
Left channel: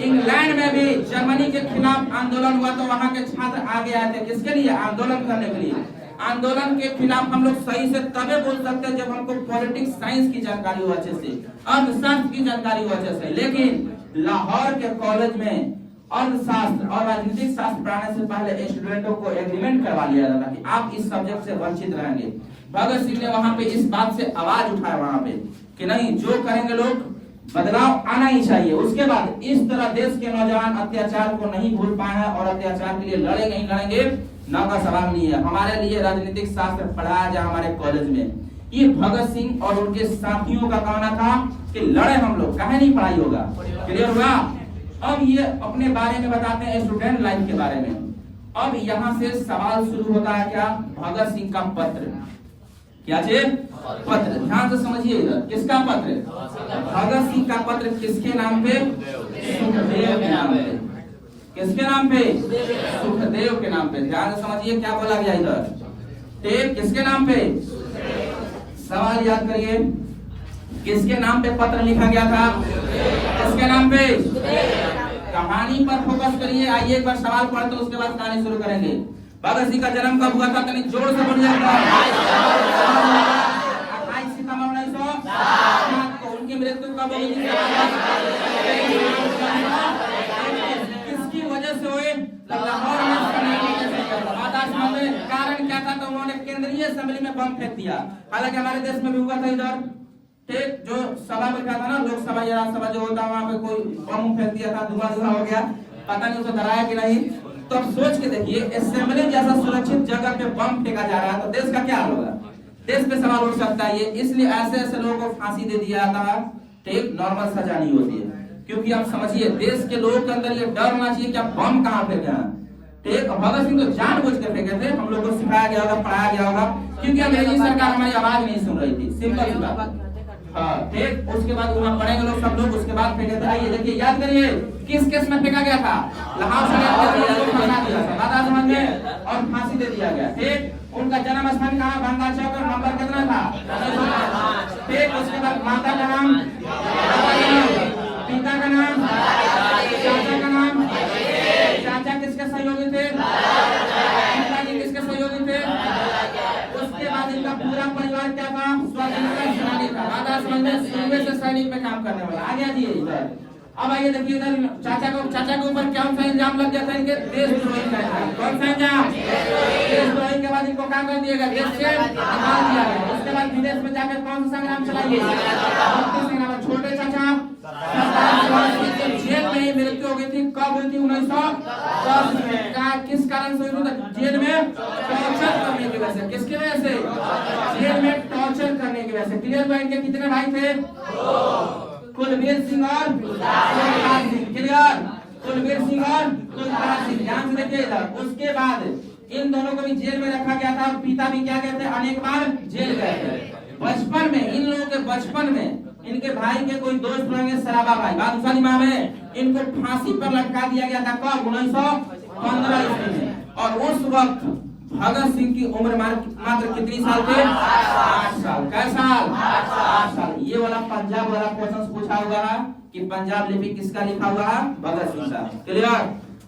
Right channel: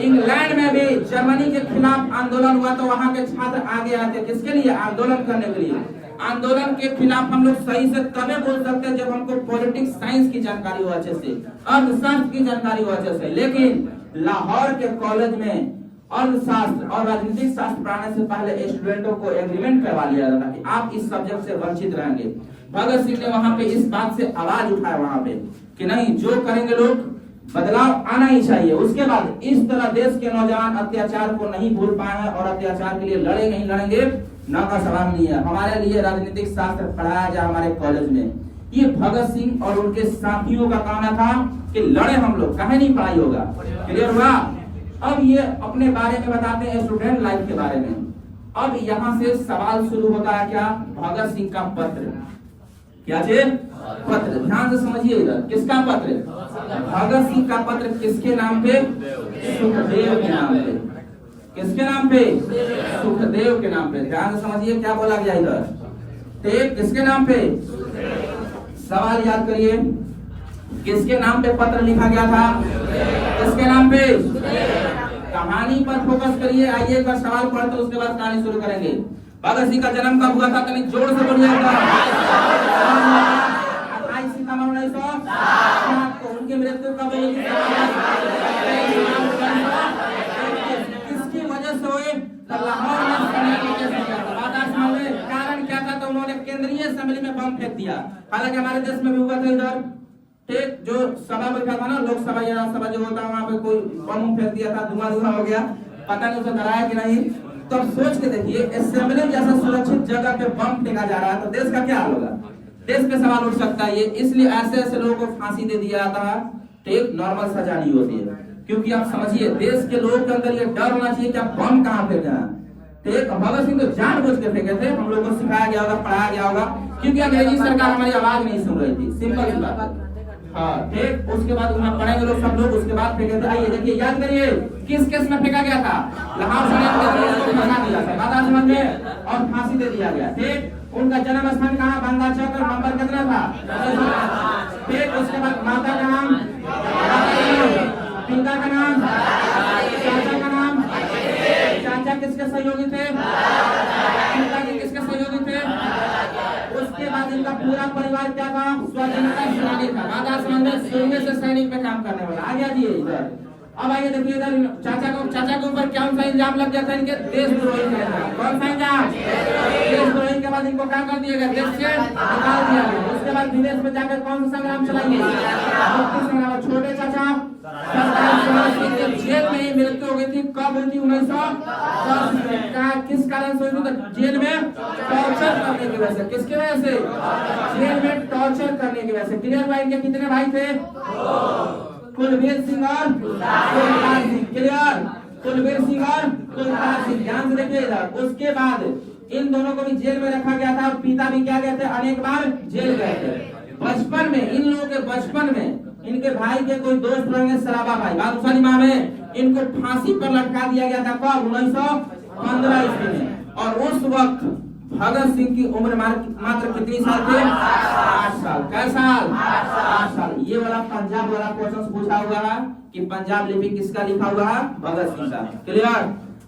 इंग्लैंड में भी जर्मनी के खिलाफ आंदोलन हुआ, तो वहाँ के छात्र आगे आए थे, किसके लिए? आंदोलन करने के लिए। आंदोलन के खिलाफ हम लोग सही से तबे बोल सकते हैं जब हमको पॉलिटिक्स साइंस की जानकारी हो अच्छे से, अर्थशास्त्र की जानकारी हो अच्छे से। लेकिन लाहौर के कॉलेज में अर्थशास्त्र और राजनीतिक शास्त्र पढ़ाने से पहले स्टूडेंटों को एग्रीमेंट करवा लिया जाता कि आप इस सब्जेक्ट से वंचित रहेंगे। भगत सिंह ने वहां पे इस बात से आवाज उठाया वहां पे कि नहीं, जो करेंगे लोग, बदलाव आना ही चाहिए। उसके बाद इस तरह देश के नौजवान अत्याचार को नहीं भूल पाएंगे और अत्याचार के लिए लड़ेंगे ही लड़ेंगे। ना का सवाल नहीं है। हमारे लिए राजनीतिक शास्त्र पढ़ाया जाए हमारे कॉलेज में। ये भगत सिंह और उनके साथियों का कहना था कि लड़े हम लोग, कहे नहीं पढ़ाई होगा। क्लियर हुआ? अब ये अपने बारे में बताते हैं, स्टूडेंट लाइफ के बारे में। अब यहाँ से सवाल शुरू होता है क्या? भगत सिंह का पत्र। क्या चीज? पत्र। ध्यान से समझिए इधर, किसका पत्र? भगत सिंह का पत्र। किसके नाम पे? सुखदेव के नाम पे। किसके नाम पे? सुखदेव के नाम पे। ध्यान से समझिए क्या बोला गया इधर। ठीक, किसके नाम पे? सवाल याद करिए, किसके नाम पे पत्र लिखा गया था? किसके नाम पे? कहानी पर फोकस करिए। आइए एक बार सवाल पढ़ तो उसके बाद कहानी शुरू करेंगे। भगत सिंह का जन्म कब हुआ था? तनिक जोर से बोलिए। 28 सितंबर 1907 को। उनकी मृत्यु कब हुई? किसकी वजह से हुई? लाहौर में। कारण क्या था? तो उन्होंने केंद्रीय असेंबली में बम फेंक दिया। हालांकि हमारे देश में भी हुआ था इधर। ठीक, जो सभा बैठा था ना, लोकसभा या राज्यसभा जो होता है, वहां पे कोई बम फेंक दिया था, धुआं हो गया। पता नहीं उसे डराया कि नहीं। तो अब सोच के देखिए, असेंबली जैसा सुरक्षित जगह पे बम फेंका जा रहा है तो देश का क्या हाल होगा? देश पे सवाल उठ सकता है ये। इसलिए ऐसे ऐसे लोगों को फांसी दे दिया जाता है। ठीक, नॉर्मल सजा नहीं होती है। क्योंकि आप समझिए, देश के लोगों के अंदर ये डर होना चाहिए कि आप बम कहाँ फेंके। ठीक, भगत सिंह तो जानबूझ के फेंके थे। हम लोगों को सिखाया गया होगा, पढ़ाया गया होगा, क्योंकि अंग्रेजी सरकार हमारी आवाज नहीं सुन रही थी। सिंपल सी बात। हाँ, ठीक। उसके बाद वहाँ पढ़ेंगे लोग, सब लोग उसके बाद फेंके थे। आइए देखिए, याद करिए किस केस में फेंका गया था? लाहौर समझ में और फांसी दे दिया गया। ठीक, उनका जन्म स्थान कहाँ? बंगा चौक। नंबर कितना था? ठीक, उसके बाद माता का नाम, पिता का नाम, चाचा का नाम। चाचा किसके सहयोगी थे? पिताजी किसके सहयोगी थे? उसके बाद इनका पूरा परिवार क्या था? स्वतंत्रता सेनानी था। राधा समझ से सैनिक में काम करने वाला। आ गया जी इधर। अब आइए देखिए इधर, चाचा के ऊपर क्या सा इल्जाम लग गया था? इनके देशद्रोही का इल्जाम। कौन सा इल्जाम? देशद्रोही के बाद इनको क्या कर दिया गया? देश से निकाल दिया गया। उसके बाद विदेश में जाकर कौन सा संग्राम चलाइए? छोटे चाचा जेल में ही मृत्यु हो गई थी। कब हुई थी? 1910 में। किस कारण से हुई थी? जेल में टॉर्चर करने की वजह से। किसकी वजह से? जेल में टॉर्चर करने की वजह से। क्लियर भाई? इनके कितने भाई थे? कुलवीर सिंह और कुलतार सिंह। क्लियर? कुलवीर सिंह और कुलतार सिंह। ध्यान से देखिए इधर। उसके बाद इन दोनों को भी जेल में रखा गया था। पिता भी क्या गए थे? अनेक बार जेल गए थे। बचपन में इन लोगों के बचपन में इनके भाई के कोई दोस्त रहेंगे, सराबा भाई, बादशाह इमाम में। इनको फांसी पर लटका दिया गया था। कब? 1915 ईस्वी में। और उस वक्त भगत सिंह की उम्र मात्र कितनी साल थे? 8 साल। कै साल? 8 साल। ये वाला पंजाब वाला क्वेश्चन पूछा हुआ है कि पंजाब लिपि किसका लिखा हुआ है? भगत सिंह का। क्लियर?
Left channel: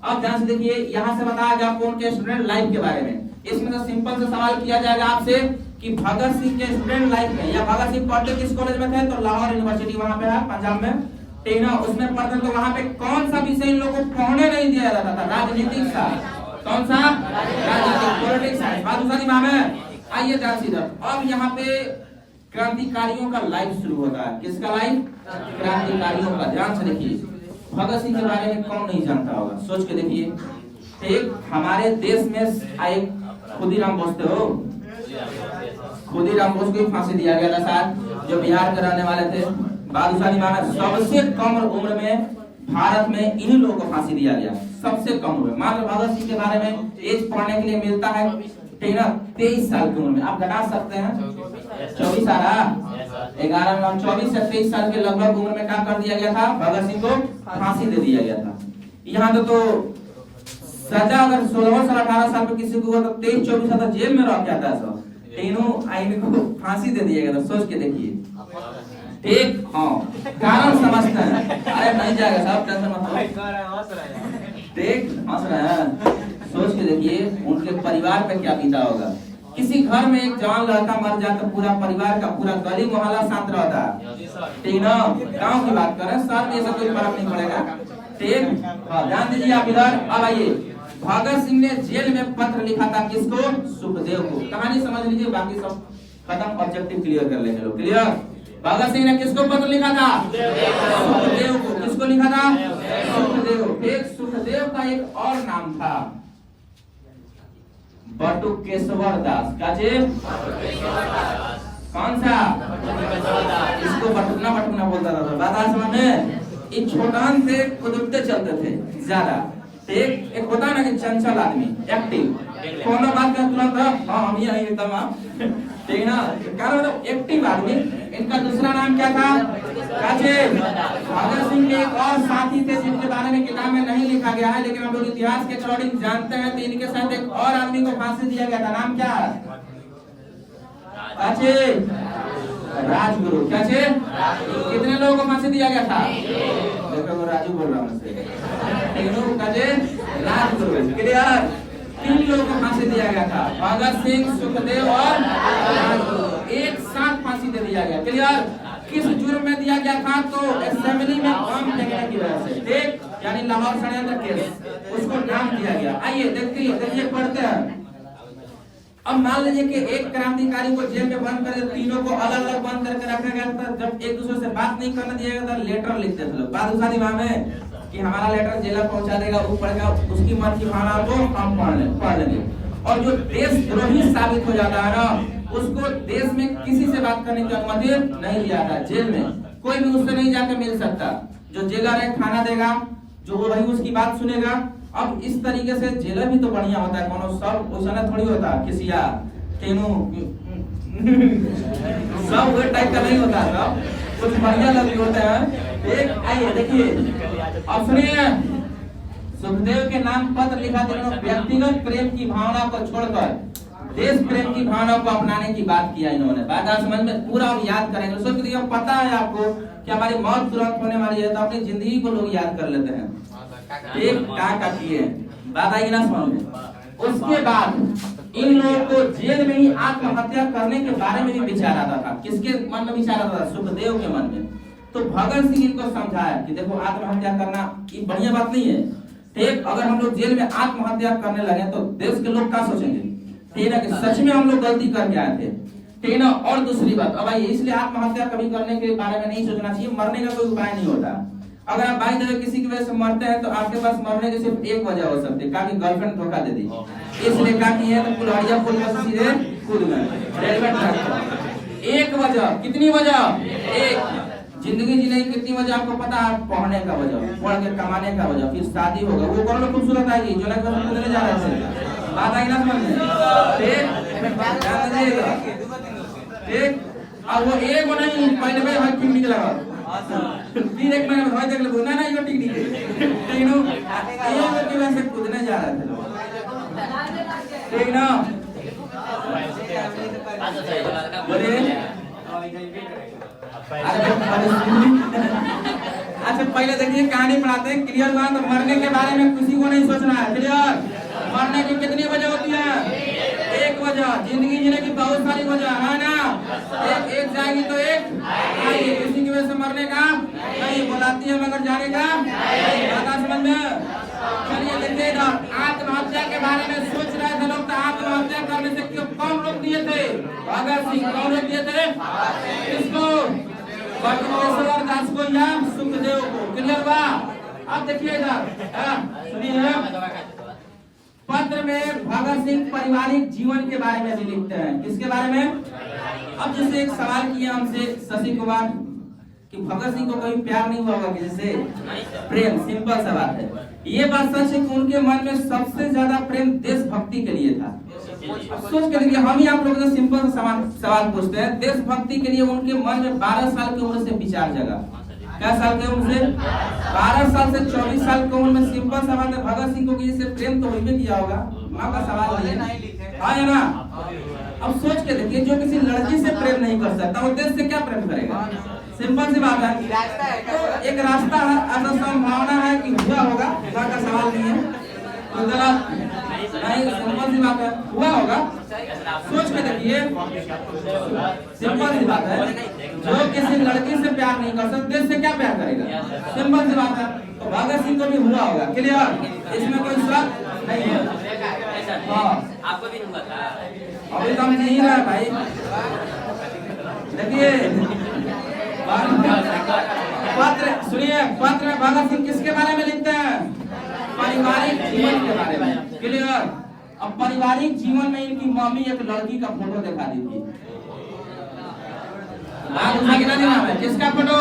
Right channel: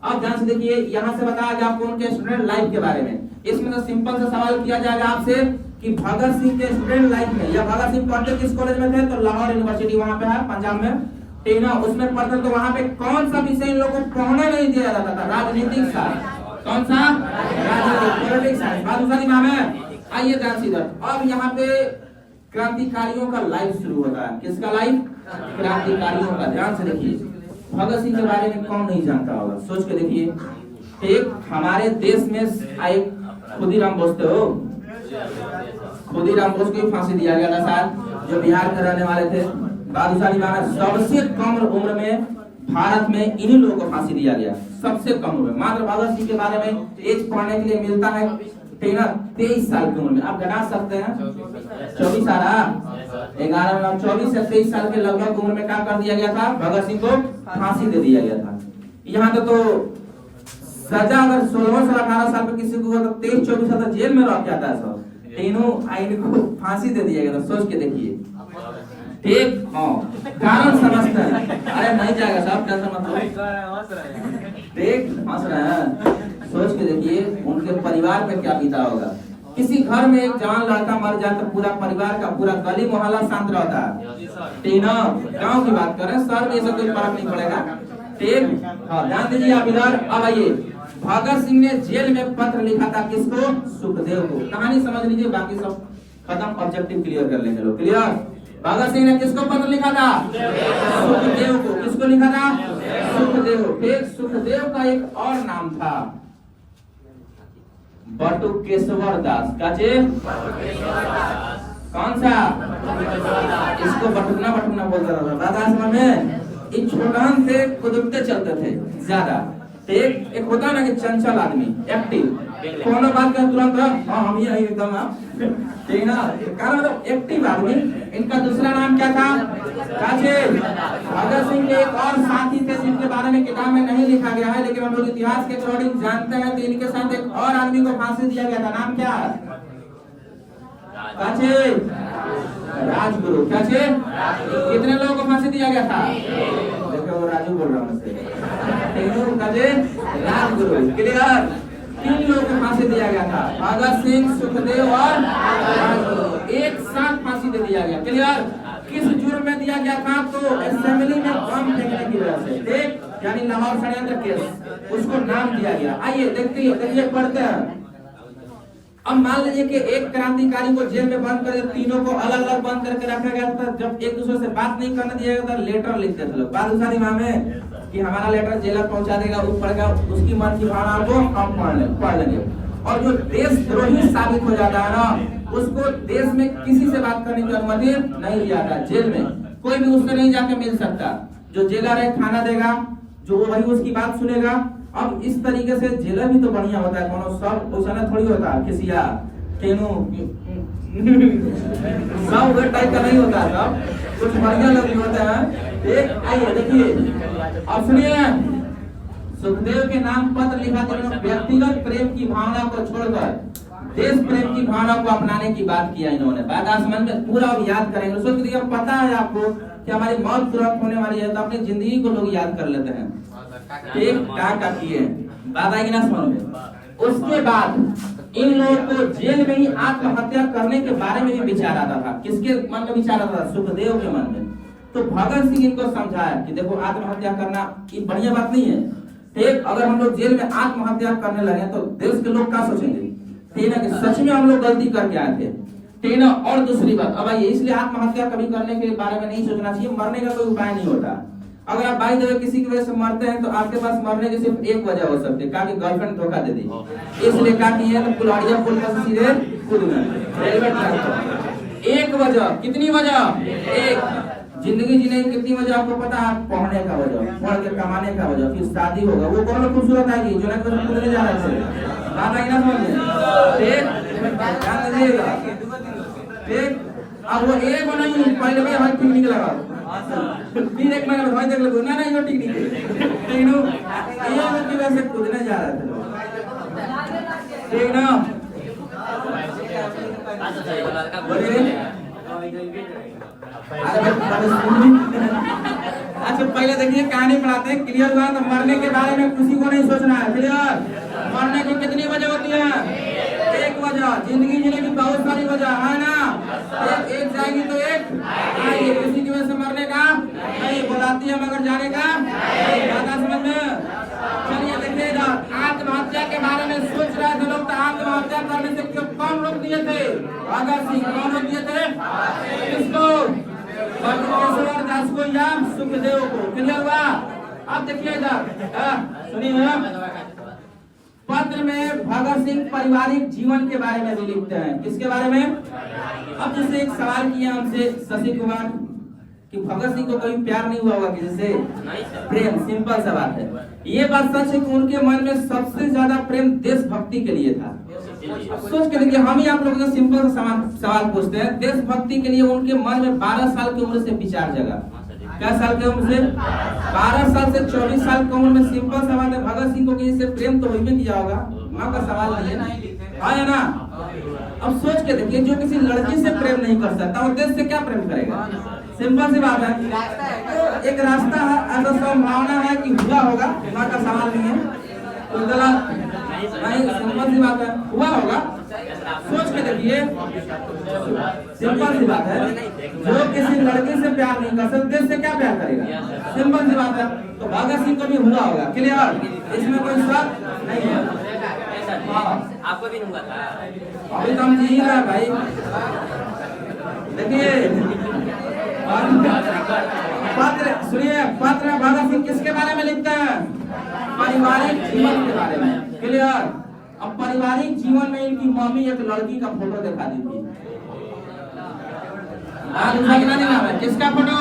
अब ध्यान से देखिए, यहाँ से बताया गया आपको उनके स्टूडेंट लाइफ के बारे में। इसमें तो सिंपल से सवाल किया जाएगा आपसे कि भगत सिंह के स्टूडेंट लाइफ में, या भगत सिंह पढ़ते किस कॉलेज में थे? तो लाहौर यूनिवर्सिटी वहाँ पे है, पंजाब में। ठीक ना? उसमें पढ़ते तो वहाँ पे कौन सा विषय इन लोगों को पढ़ने नहीं दिया जाता था? राजनीतिक साइंस। कौन सा? राजनीतिक, पॉलिटिक्स साइंस। बादशाह इमाम है। आइए ध्यान से इधर। अब यहाँ पे क्रांतिकारियों का लाइफ शुरू होता है। किसका लाइफ? क्रांतिकारियों का। ध्यान से देखिए, भगत सिंह के बारे में कौन नहीं जानता होगा? सोच के देखिए। ठीक, हमारे देश में एक खुदीराम बोस थे। खुदीराम बोस को फांसी दिया गया था शायद, जो बिहार के रहने वाले थे। बादशाह इमाम सबसे कम उम्र में भारत में इन्हीं लोगों को फांसी दिया गया, सबसे कम उम्र। मात्र भगत सिंह के बारे में एज पढ़ने के लिए मिलता है, ठीक ना, 23 साल की उम्र में। आप घटा सकते हैं 24 साल, 11 24 से 23 साल के लगभग उम्र में क्या कर दिया गया था? भगत सिंह को फांसी दे दिया गया था। यहाँ तो सजा अगर 16 साल 18 साल पे किसी को तो 23-24 साल जेल में रह जाता है। सब तीनों आईडी को फांसी दे दिया गया था। सोच के देखिए। ठीक, हाँ, कारण समझते हैं। अरे नहीं जाएगा साहब, टेंशन मत लो। ठीक, हंस रहे हैं। सोच के देखिए उनके परिवार पे क्या बीता होगा। किसी घर में एक जवान लड़का मर जाए तो पूरा परिवार का, पूरा गली मोहल्ला शांत रहता है। ठीक ना? गाँव की बात करें, शहर में ऐसा कोई फर्क नहीं पड़ेगा। ठीक, हाँ, ध्यान दीजिए आप इधर। अब आइए, भगत सिंह ने जेल में पत्र लिखा था किसको? सुखदेव को। कहानी समझ लीजिए, बाकी सब खत्म, ऑब्जेक्टिव क्लियर कर लेंगे लोग। क्लियर? भगत सिंह ने किसको पत्र लिखा था? सुखदेव को। किसको लिखा था? सुखदेव। ठीक, सुखदेव का एक और नाम था, बटुकेश्वर दास काजे कौन सा इसको बटुकना बटुकना बोलता था। बात आज समझ में इन छोटन से कुदरते चलते थे ज्यादा। एक होता है ना कि चंचल आदमी एक्टिव, कोनो बात का तुरंत हाँ हम ये एकदम ठीक ना, कारण तो एक्टिव आदमी। इनका दूसरा नाम क्या था? काजे। भगत सिंह के एक और साथी थे जिनके बारे में किताब में नहीं लिखा गया है, लेकिन हम लोग इतिहास के अकॉर्डिंग जानते हैं। तो इनके साथ एक और आदमी को फांसी दिया गया था। नाम क्या? काजे राजगुरु। काजे कितने लोगों को फांसी दिया गया था? देखो वो राजू बोल रहा हूँ मुझसे। काजे राजगुरु क्लियर। 3 लोगों को फांसी दिया गया था, भगत सिंह, सुखदेव और राजगुरु। एक साथ फांसी दे दिया गया। क्लियर। किस जुर्म में दिया गया था? तो असेंबली में बम फेंकने की वजह से, ठीक, यानी लाहौर षड्यंत्र केस, उसको नाम दिया गया। आइए देखिए पढ़ते हैं। अब मान लीजिए कि एक क्रांतिकारी को जेल में बंद कर, तीनों को अलग अलग बंद करके रखा गया था। जब एक दूसरे से बात नहीं करने दिया गया था, लेटर लिखते थे लोग। बात उसा दिमाग में कि हमारा लेटर जेल पहुंचा देगा, वो पढ़ेगा, उसकी मन की भावना को हम पढ़ लेंगे। और जो देशद्रोही साबित हो जाता है ना, उसको देश में किसी से बात करने की अनुमति नहीं दिया था। जेल में कोई भी उससे नहीं जाके मिल सकता। जो जेलर है खाना देगा, जो वही उसकी बात सुनेगा। अब इस तरीके से जेलर भी तो बढ़िया होता है, कोनो सब उसने थोड़ी होता किसी या तेनू सब वो टाइप का नहीं होता, सब कुछ बढ़िया लोग होते हैं। एक आइए देखिए, अब सुनिए, सुखदेव के नाम पत्र लिखा था। व्यक्तिगत प्रेम की भावना को छोड़कर देश प्रेम की भावना को अपनाने की बात किया इन्होंने। बात आप समझ में पूरा याद करेंगे। सुखदेव पता है आपको कि हमारी मौत तुरंत होने वाली है, तो अपनी जिंदगी को लोग याद कर लेते हैं। एक का किए बात आएगी ना समझ में। उसके बाद इन लोगों को जेल में ही आत्महत्या करने के बारे में भी विचार आता था। किसके मन में विचार आता था? सुखदेव के मन में। तो भगत सिंह इनको समझाया कि देखो आत्महत्या करना ये बढ़िया बात नहीं है, ठीक। अगर हम लोग जेल में आत्महत्या करने लगे तो देश के लोग क्या सोचेंगे, ठीक ना, कि सच में हम लोग गलती करके आए थे, ठीक ना। और दूसरी बात, अब आइए, इसलिए आत्महत्या कभी करने के बारे में नहीं सोचना चाहिए। मरने का कोई उपाय नहीं होता। अगर आप बाई जगह किसी की वजह से मरते हैं तो आपके पास मरने की सिर्फ एक वजह हो सकती है, कि गर्लफ्रेंड धोखा दे दी, इसलिए क्या किए तो कुल्हाड़िया पुल पर सीधे कूदना, रेलवे ट्रैक। एक वजह, कितनी वजह? एक। जिंदगी जीने की कितनी वजह आपको पता है? पढ़ने का वजह, पढ़ के कमाने का वजह, फिर शादी होगा, वो कौन खूबसूरत आएगी जो नहीं जा रहे थे। बात आई ना समझ में, ठीक, ध्यान दीजिएगा, ठीक। अब वो एक वो नहीं, पहले भाई भाई ठीक नहीं लगा, फिर एक महीने भाई देख लो ना ये ठीक नहीं है, ठीक ना। ये की वजह से कूदने जा रहे थे लोग, ठीक ना। बोलिए। अच्छा पहले देखिए कहानी पढ़ाते हैं, क्लियर हुआ? तो मरने के बारे में किसी को नहीं सोचना है, क्लियर। मरने की कितनी वजह होती है? एक वजह। जिंदगी जीने की बहुत सारी वजह है ना, एक जाएगी तो एक आएगी। किसी की वजह से मरने का नहीं, बुलाती है मगर जाने का बात समझ में। चलिए देखिए इधर, आत्महत्या के बारे में सोच रहे थे लोग, तो आत्महत्या करने से क्यों कौन रोक दिए थे? भगत सिंह। कौन रोक दिए थे? किसको? बटुकेश्वर दास को या सुखदेव को? क्लियर हुआ? अब देखिए इधर, सुनिए, पत्र में भगत सिंह पारिवारिक जीवन के बारे में भी लिखते हैं। किसके बारे में? अब जैसे एक सवाल किया हमसे शशि कुमार कि भगत सिंह को कभी प्यार नहीं हुआ होगा कि जैसे प्रेम, सिंपल सा बात है। ये बात सच है कि उनके मन में सबसे ज्यादा प्रेम देशभक्ति के लिए था। सोच के देखिए, हम ही आप लोगों से सिंपल सवाल पूछते हैं। देशभक्ति के लिए उनके मन में 12 साल की उम्र से विचार जगा। क्या साल की उम्र से? 12 साल से 24 साल की उम्र में। सिंपल सवाल है, भगत सिंह को किसी से प्रेम तो होने किया होगा, माँ का सवाल नहीं है ना। अब सोच के देखिए, जो किसी लड़की से प्रेम नहीं कर सकता वो देश से क्या प्रेम करेगा? सिंपल सी बात है। तो एक रास्ता है, ऐसा संभावना है कि हुआ होगा, माँ का सवाल नहीं है, तो गलत नहीं, सिंपल सी बात है, हुआ होगा। सोच के देखिए, सिंपल सी बात है, जो किसी लड़की से प्यार नहीं कर सकते देश से क्या प्यार करेगा? सिंपल सी बात है। तो भगत सिंह को भी हुआ होगा, क्लियर, इसमें कोई शक नहीं है। आपको भी हुआ था? अभी तो हम जी रहे हैं भाई। देखिए पत्र, सुनिए, पत्र भगत सिंह किसके बारे में लिखते हैं? पारिवारिक जीवन के बारे में, क्लियर। अब पारिवारिक जीवन में इनकी मम्मी एक लड़की का फोटो दिखा दी थी। बात उसका कितना नहीं नाम है, किसका फोटो?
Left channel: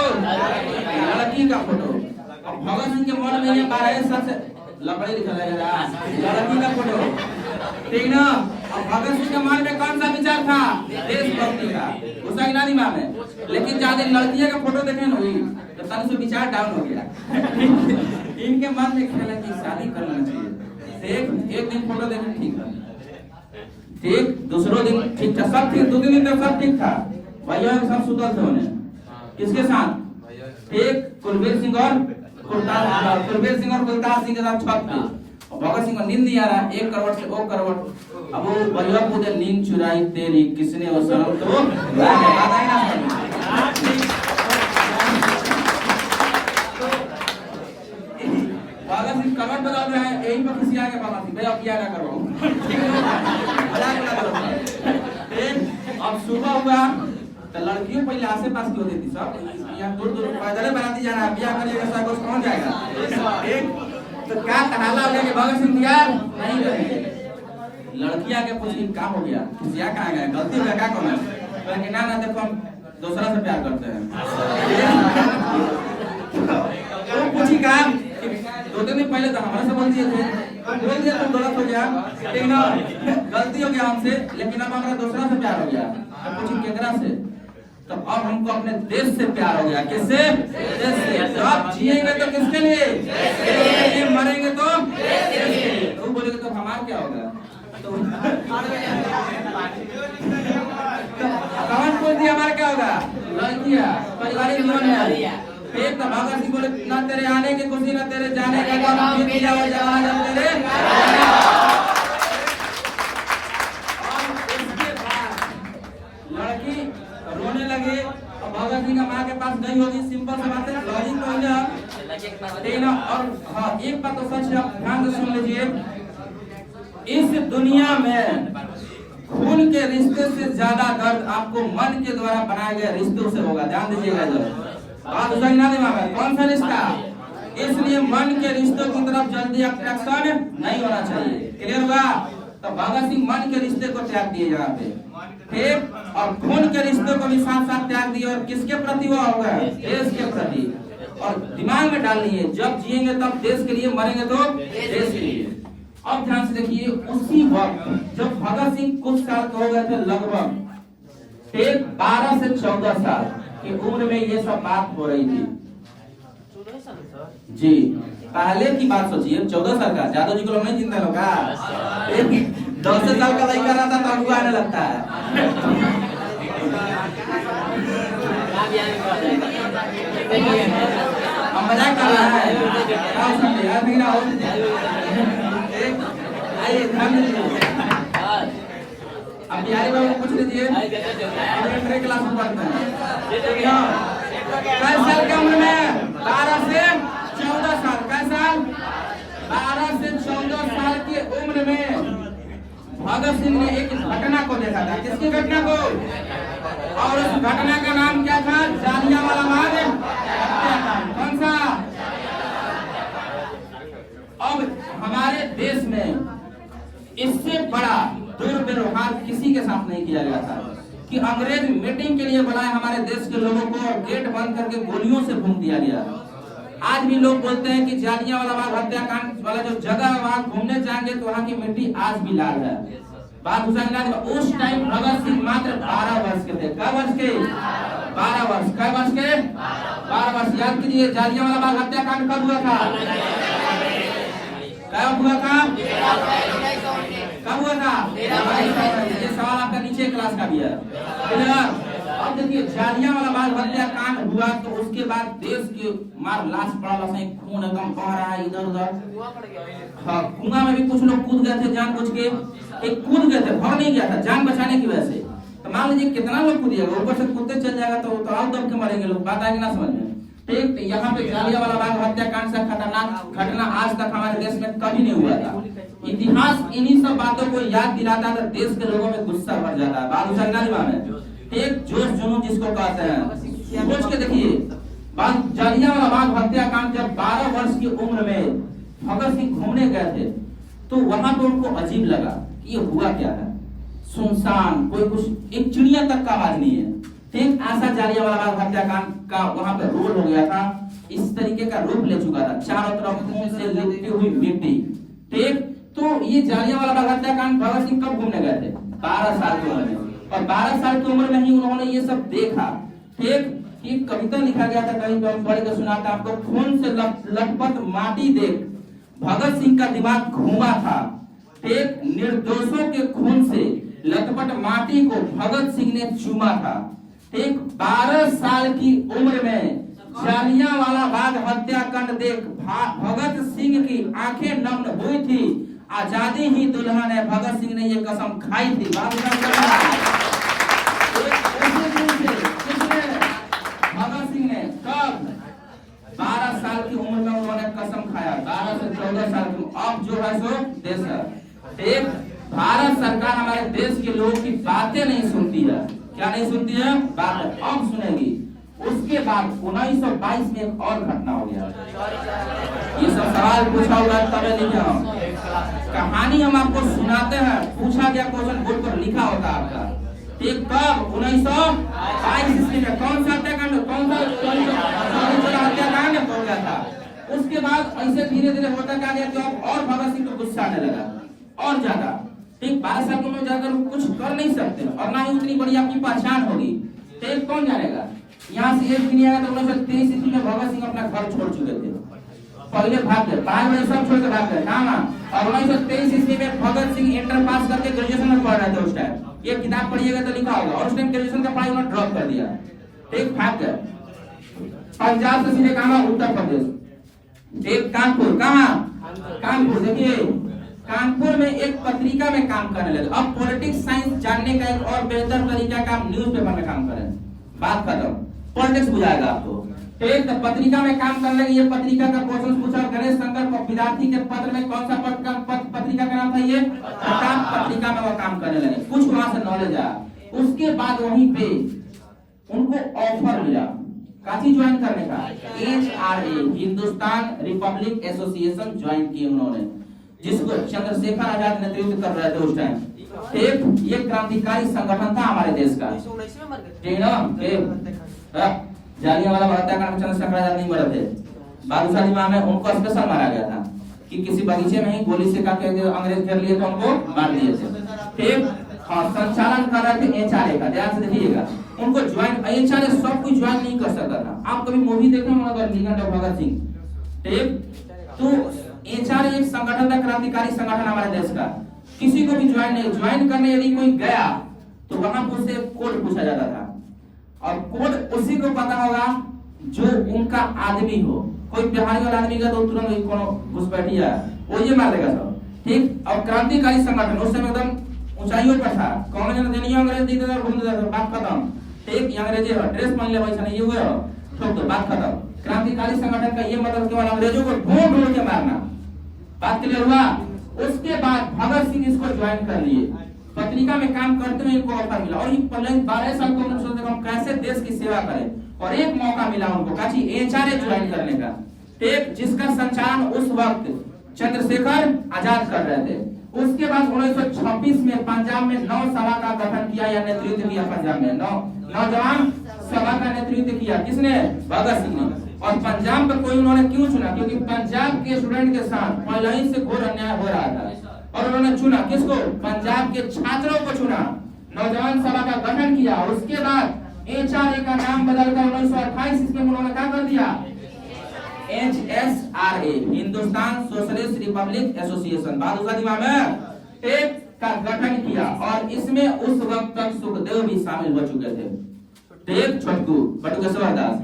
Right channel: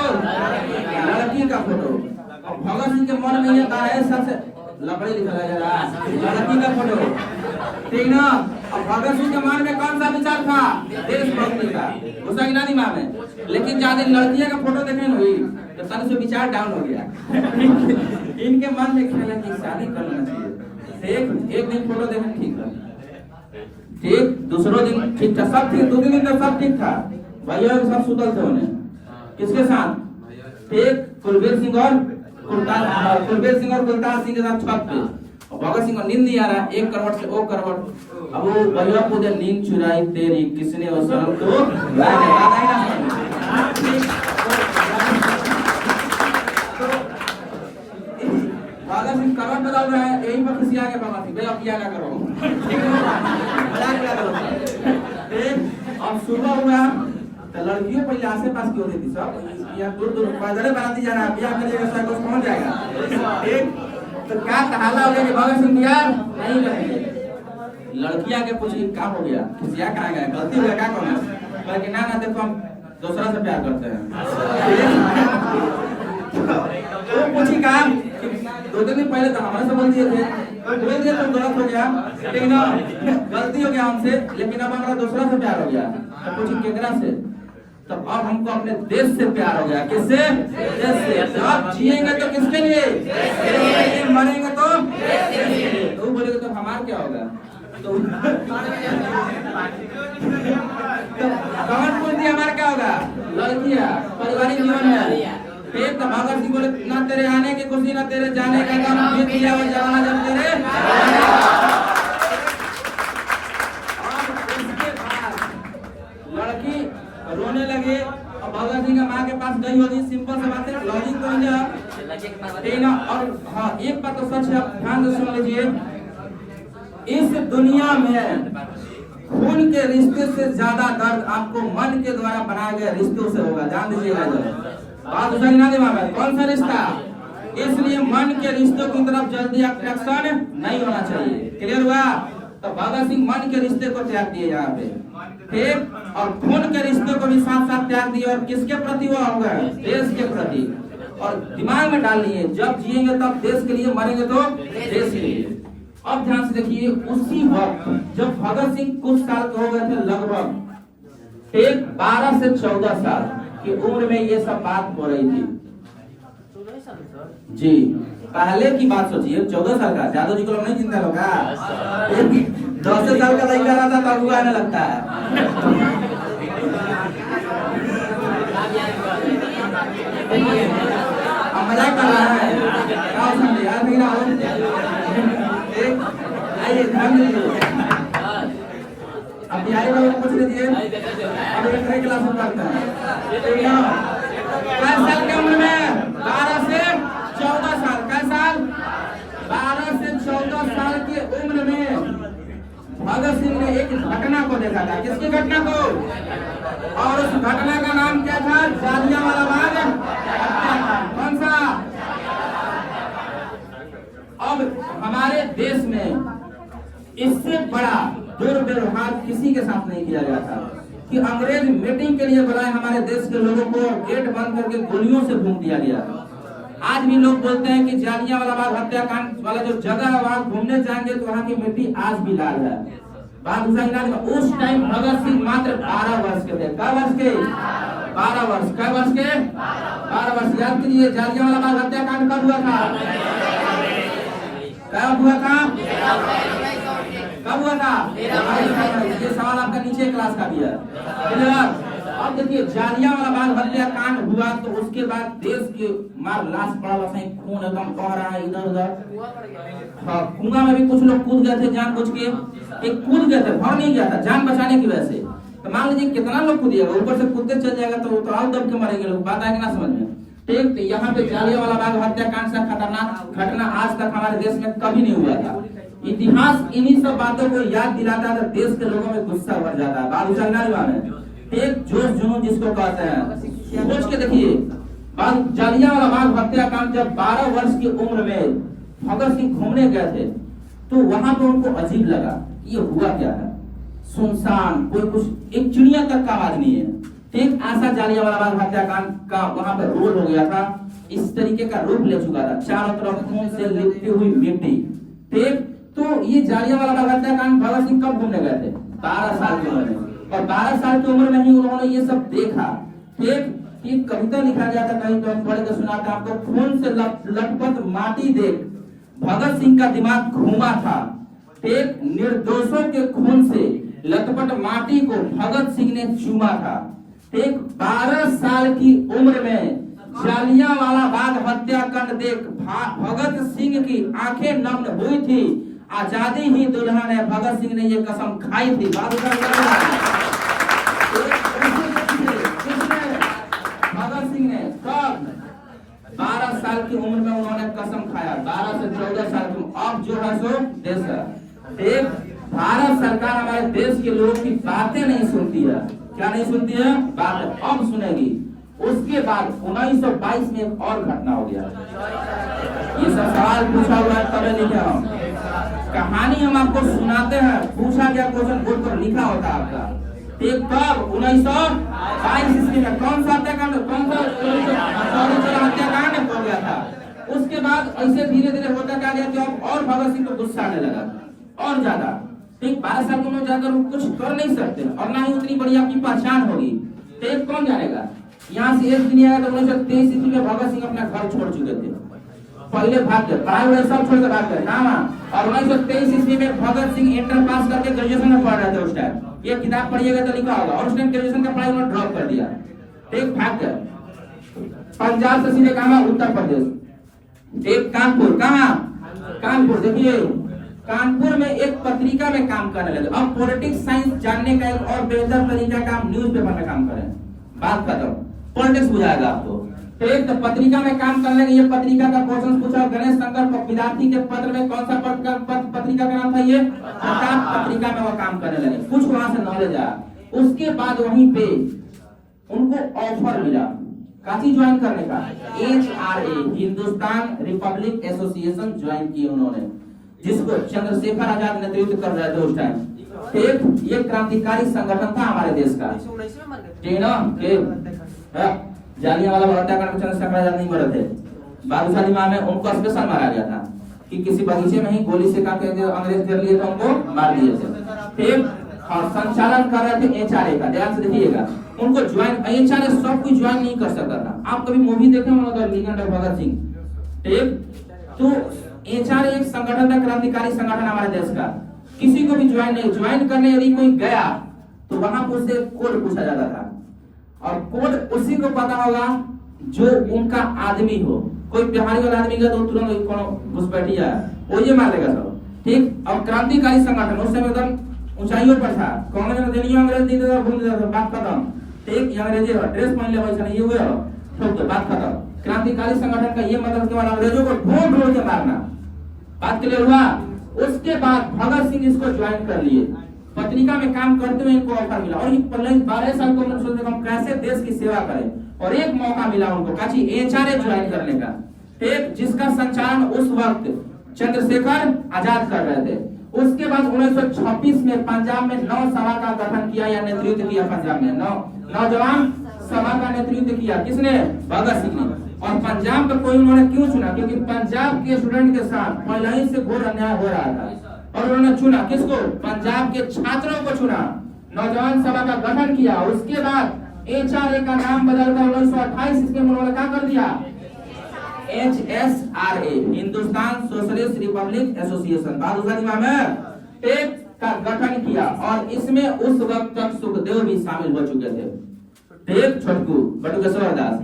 लड़की का फोटो। और भगत सिंह के मन में ये आ है सबसे लकड़ी लिखा है लड़की का फोटो, ठीक ना? अब भगत सिंह के मन में कौन सा विचार था? देशभक्ति का, उसका कितना नहीं नाम है। लेकिन जहाँ दिन लड़कियां का फोटो देखने हुई तो तन से विचार डाउन हो गया। इनके मन में ख्याल है कि शादी करना चाहिए। एक दिन फोटो देखने ठीक था, ठीक, दूसरों दिन ठीक था, सब ठीक, 2 दिन तक सब ठीक था। भैया सब सुतल थे उन्हें, किसके साथ? ठीक, कुलबीर सिंह और कुलतार सिंह के साथ छत पे। भगत सिंह को नींद नहीं आ रहा, एक करवट से वो करवट। अब वो भैया पूछे नींद चुराई तेरी किसने, और शर्म तो भगत सिंह करवट बदल रहे हैं, यही पर किसी आगे भगत सिंह भैया किया ना करो, मजाक ना करो। अब सुबह हुआ तो लड़कियों पहले आसे पास की होती थी, सब यहाँ दूर दूर पैदल बराती जाना है, ब्याह करिएगा ऐसा कुछ कौन जाएगा? एक तो क्या कहाला हो गया कि भगत सिंह यार नहीं रहेंगे। लड़कियां के पूछी क्या हो गया, खुशियां कहाँ गए, गलती हो गया क्या करना? कहे ना ना देखो हम दूसरा से प्यार करते हैं। तो पूछी कहा 2 दिन पहले तो हमारे से बोल दिए थे, बोल दिया तो गलत हो गया, ठीक ना, गलती हो गया हमसे, लेकिन अब हमारा दूसरा से प्यार हो गया। तो पूछी केकरा से? तो अब हमको अपने देश से प्यार हो गया। किससे? देश से। आप जिएंगे तो किसके लिए? मरेंगे तो तो बोलेगे तो हमारा क्या होगा? तो कौन पूछ दिया हमारा क्या होगा? लड़कियां, पारिवारिक जीवन है। एक तो भगत सिंह बोले ना तेरे आने की खुशी ना तेरे जाने का गम, बीत गया वो जमाना जब तेरे। लड़की रोने लगे, भगत सिंह का माँ के पास गई होगी, सिंपल से बात है, लॉजिक तो है ना। और हाँ एक बात तो सच है, आप ध्यान से सुन लीजिए, इस दुनिया में खून के रिश्ते से ज्यादा दर्द आपको मन के द्वारा बनाए गए रिश्तों से होगा, ध्यान दीजिएगा। बात उसका दिमाग में कौन सा रिश्ता? इसलिए मन के रिश्तों की तरफ जल्दी अट्रैक्शन नहीं होना चाहिए। क्लियर हुआ? तो भगत सिंह मन के रिश्ते को त्याग दिए यहाँ पे, ठीक, और खून के रिश्ते को भी साथ साथ त्याग दिए। और किसके प्रति वो होगा? देश के प्रति। और दिमाग में डाल लिए जब जिएंगे तब देश के लिए, मरेंगे तो देश के लिए। अब ध्यान से देखिए, उसी वक्त जब भगत सिंह कुछ साल के हो गए थे, लगभग एक 12 से 14 साल की उम्र में ये सब बात हो रही थी जी। पहले की बात सोचिए, 14 साल का, जादू जी को नहीं चिंता होगा, 10 साल का लड़का रहता तो अगुआ आने लगता है। मजाक कर रहा है आइए ध्यान दीजिए। अब बिहारी बाबू पूछ लीजिए, क्लास में पढ़ते हैं, कई साल की उम्र में? 12 से 14 साल। कई साल? 12 से 14 साल की उम्र में भगत सिंह ने एक घटना को देखा था। किसकी घटना को? और उस घटना का नाम क्या था? जालियांवाला बाग। कौन सा? अब हमारे देश में इससे बड़ा दुर्व्यवहार किसी के साथ नहीं किया गया था कि अंग्रेज मीटिंग के लिए बुलाए हमारे देश के लोगों को, गेट बंद करके गोलियों से भून दिया गया। आज भी लोग बोलते हैं कि जालियांवाला बाग हत्याकांड वाला जो जगह है वहां घूमने जाएंगे तो वहां की मिट्टी आज भी लाल है। बात उस टाइम भगत सिंह मात्र 12 वर्ष के थे। कै वर्ष के? 12 वर्ष। कै वर्ष के? 12 वर्ष। याद कीजिए, जालियांवाला बाग हत्याकांड कब हुआ था? कब हुआ था? कब हुआ था? ये सवाल आपका नीचे क्लास का भी है। अब देखिए, जालियांवाला बाग हत्याकांड हुआ तो उसके बाद देश के मार लाश पड़ा, खून एकदम बह रहा है इधर उधर। कुआं में भी कुछ लोग कूद गए थे जानबूझ के, एक कूद गए थे, भर नहीं गया था जान बचाने की वजह से। तो मान लीजिए कितना लोग कूदिएगा, ऊपर से कूदते चल जाएगा तो और दब के मरेंगे लोग। बात आएगी ना समझ में? ठीक, तो यहाँ पे जालियांवाला बाग हत्याकांड से खतरनाक घटना आज तक हमारे देश में कभी नहीं हुआ था। इतिहास इन्हीं सब बातों को याद दिलाता है तो देश के लोगों में गुस्सा बढ़ जाता है। बात उछलना है, एक जोश जुनून जिसको कहते हैं। सोच के देखिए, जालियांवाला बाग हत्याकांड जब 12 वर्ष की उम्र में भगत सिंह घूमने गए थे तो वहां पर उनको अजीब लगा ये हुआ क्या है? सुनसान, कोई कुछ, एक चिड़िया तक का आवाज नहीं है। ठीक ऐसा जालियांवाला बाग हत्याकांड का वहां पर रोल हो गया था, इस तरीके का रूप ले चुका था, चारों तरफ से लिपटी हुई मिट्टी। ठीक, तो ये जालियांवाला बाग हत्याकांड भगत सिंह कब घूमने गए थे? 12 साल की उम्र में, और 12 साल की उम्र में ही उन्होंने ये सब देखा। ठीक, एक कविता लिखा गया था, कहीं तो पढ़ के सुनाता आपको। खून से लटपट माटी देख भगत सिंह का दिमाग घूमा था। ठीक, निर्दोषों के खून से लटपट माटी को भगत सिंह ने चूमा था। ठीक, 12 साल की उम्र में जालियांवाला बाग हत्याकांड देख भगत सिंह की आंखें नम हुई थी। आजादी ही दुल्हन है, भगत सिंह ने ये कसम खाई थी। भगत सिंह ने कब? 12 साल की उम्र में उन्होंने कसम खाया। 12 से 14 साल की। अब जो है सो देश है। एक भारत सरकार हमारे देश के लोगों की बातें नहीं सुनती है। क्या नहीं सुनती है? बातें अब सुनेगी। उसके बाद 1922 में एक और घटना हो गया। ये सब सवाल पूछा हुआ है, तब लिखा हूं। कहानी हम आपको सुनाते हैं, पूछा गया क्वेश्चन बोर्ड पर लिखा होता है आपका। ठीक, कब? 1922 ईस्वी में कौन सा हत्याकांड, कौन सा हत्याकांड हो गया था। उसके बाद ऐसे धीरे धीरे होता क्या गया, तो और भगत सिंह को गुस्सा आने लगा और ज्यादा। ठीक, 12 साल की उम्र में जाकर वो कुछ कर नहीं सकते और ना ही उतनी बड़ी आपकी पहचान होगी। ठीक, कौन जानेगा? यहाँ से एक दिन आया तो 1923 ईस्वी में भगत सिंह अपना घर छोड़ चुके थे। पहले भाग गए, पढ़ाई वढ़ाई सब छोड़कर भाग गए ना। और 1923 ईस्वी में भगत सिंह इंटर पास करके ग्रेजुएशन में पढ़ रहे थे उस टाइम। ये किताब पढ़िएगा तो लिखा होगा। और उस टाइम ग्रेजुएशन का पढ़ाई उन्होंने ड्रॉप कर दिया। ठीक, भाग गए। पंजाब से सीधे कहाँ? उत्तर प्रदेश। एक कानपुर, कहाँ? कानपुर। देखिए कानपुर में एक पत्रिका में काम करने लगे। अब पॉलिटिक्स साइंस जानने का एक और बेहतर तरीका का न्यूज़पेपर में काम करें। बात खत्म, पॉलिटिक्स बुझाएगा आपको। ठीक, तो पत्रिका में काम करने लगे। ये पत्रिका का क्वेश्चन पूछा गणेश शंकर विद्यार्थी के पत्र में कौन सा पत्रिका का नाम था? ये प्रताप पत्रिका में वो काम करने लगे। कुछ वहां से नॉलेज आया। उसके बाद वहीं पे उनको ऑफर मिला काफी ज्वाइन करने का। HRA, Hindustan Republic association join की उन्होंने, जिसको चंद्रशेखर आजाद नेतृत्व कर रहे थे उस टाइम। एक ये क्रांतिकारी संगठन था हमारे देश का। जालियांवाला बाग हत्याकांड में चंद्रशेखर आजाद नहीं मरे थे। बादशाह इमाम में उनको स्पेशल मारा गया था कि किसी बगीचे में ही गोली से काट के अंग्रेज कर लिए थे, उनको मार दिए थे। ठीक, और संचालन कर रहे थे HRA का। ध्यान से देखिएगा, उनको ज्वाइन HRA सब कोई ज्वाइन नहीं कर सकता था। आप कभी मूवी देखे होंगे लीजेंड ऑफ भगत सिंह। ठीक, तो HRA एक संगठन था, क्रांतिकारी संगठन हमारे देश का। किसी को भी ज्वाइन करने यदि कोई गया तो वहां पर उससे कोड पूछा जाता था, और कोड उसी को पता होगा जो उनका आदमी हो। कोई बिहारी वाला आदमी का तो तुरंत कोनो घुसपैठिया वो ये मार देगा सब। ठीक, और क्रांतिकारी संगठन उस समय एकदम ऊंचाइयों पर था। कौन ने देनियो अंग्रेज दी तो घूम देता था, बात खत्म। ठीक, अंग्रेजी ड्रेस पहन ले वैसा नहीं हुए तो बात खत्म। क्रांतिकारी संगठन का ये मतलब केवल अंग्रेजों को ढूंढ के मारना। बात क्लियर हुआ? उसके बाद भगत सिंह इसको ज्वाइन कर लिए। पत्रिका में काम करते हुए इनको ऑफर मिला, और ये 12 साल की उम्र सोचते हम कैसे देश की सेवा करें, और एक मौका मिला उनको काची HRA ज्वाइन करने का। ठीक, जिसका संचालन उस वक्त चंद्रशेखर आजाद कर रहे थे। उसके बाद 1926 में पंजाब में 9 सभा का गठन किया या नेतृत्व किया। पंजाब में 9 नौजवान सभा का नेतृत्व किया। किसने? भगत सिंह ने। और पंजाब पर कोई उन्होंने क्यों चुना? क्योंकि पंजाब के स्टूडेंट के साथ पहले ही से घोर अन्याय हो रहा था, और उन्होंने चुना किसको? पंजाब के छात्रों को चुना। नौजवान सभा का गठन किया। उसके बाद HRA का नाम बदलकर 1928 ईस्वी में उन्होंने क्या कर दिया? HSRA, Hindustan socialist Republic association, बादशाह इमाम में एक का गठन किया। और इसमें उस वक्त तक सुखदेव भी शामिल हो चुके थे। ठीक, छोटकू बटुकेश्वर दास।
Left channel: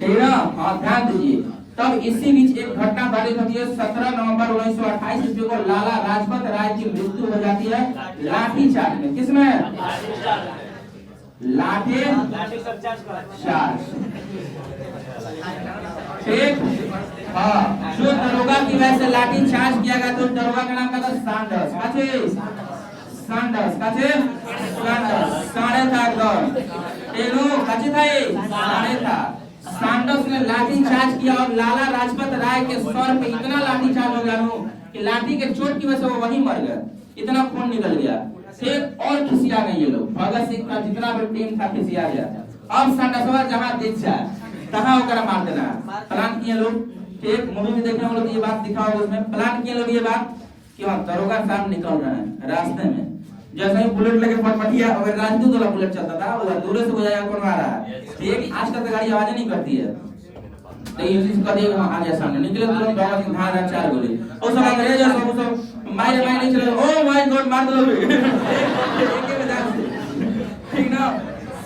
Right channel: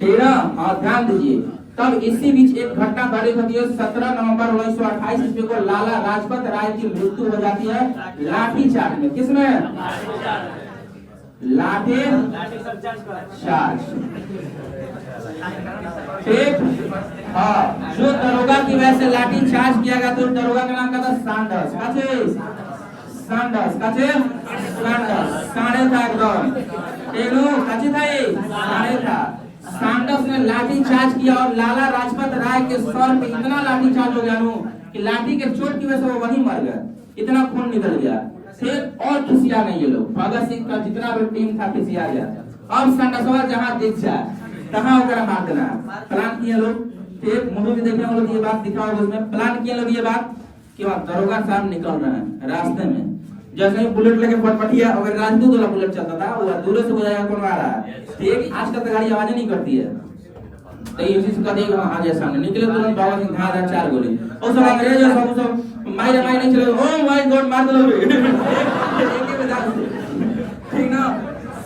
हाँ, ध्यान दीजिए। तब इसी बीच एक घटना घटित होती है। 17 नवंबर 1928 ईस्वी को लाला लाजपत राय की मृत्यु हो जाती है लाठीचार्ज में। किसमें? लाठीचार्ज। ठीक, हाँ, जो दरोगा की वजह से लाठीचार्ज किया गया, तो दरोगा का नाम था सैंडर्स। साढ़े था एकदम तेलू काची था ये साढ़े था। सैंडर्स ने लाठीचार्ज किया और लाला लाजपत राय के सर पे इतना लाठीचार्ज हो गया कि लाठी के चोट की वजह से वो वहीं मर गए। इतना खून निकल गया, फिर और खिसिया गए ये लोग, भगत सिंह का जितना भी टीम था खिसिया गया। अब संडसवा जहाँ दिख जाए तहाँ ओकरा मार देना। प्लान किए लोग, एक मूवी में देखे हम लोग ये बात दिखा होगा, उसमें प्लान किए लोग ये बात कि वहाँ दरोगा साहब निकल रहे हैं रास्ते में, जैसे ही बुलेट लेके पटपटिया, अगर राजदूत वाला बुलेट चलता था वो दूर से बुझाया कौन मार रहा है, ठीक आज तक तो गाड़ी आवाज नहीं करती है, तो ये चीज कर देगा आ जाए सामने, निकले तुरंत भगत सिंह धार 4 गोली और सब अंग्रेज सब मारे नहीं चले, ओ माय गॉड मार दो लोग एक ही बजा ठीक ना,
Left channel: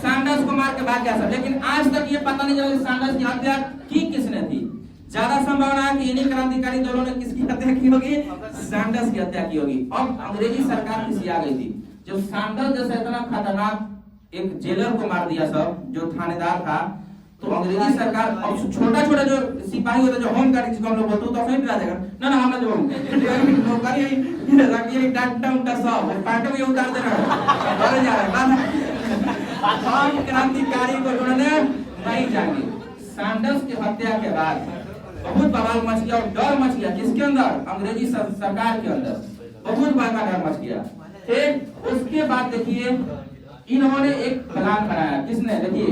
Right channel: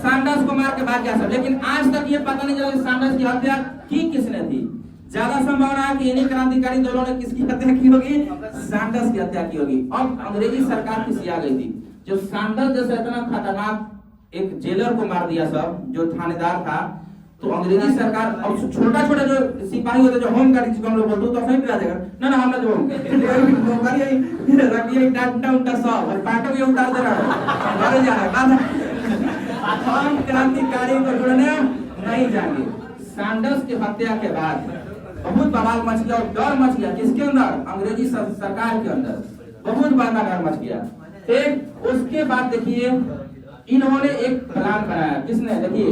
सैंडर्स को मार के भाग गया सब। लेकिन आज तक ये पता नहीं चला कि सैंडर्स की हत्या की किसने थी। ज्यादा संभावना है कि इन्हीं क्रांतिकारी दोनों ने किसकी हत्या की होगी, सैंडर्स की हत्या की होगी। अब अंग्रेजी सरकार खिसिया गई थी जब सैंडर्स जैसा इतना खतरनाक एक जेलर को मार दिया सब जो थानेदार था, तो अंग्रेजी सरकार अब छोटा छोटा जो सिपाही होते जो होम गार्ड जिसको हम लोग बोलते तो फेंक देगा ना ना हम जो नौकरी रखिए डांटा उल्टा सब पाटो ये उतार दे रहा है मारे जा रहा है हम क्रांतिकारी को उन्होंने नहीं जाएंगे। सैंडर्स की हत्या के बाद बहुत बवाल मच गया और डर मच गया किसके अंदर, अंग्रेजी सरकार के अंदर बहुत बड़ा डर मच गया। एक उसके बाद देखिए इन्होंने एक प्लान बनाया, किसने, देखिए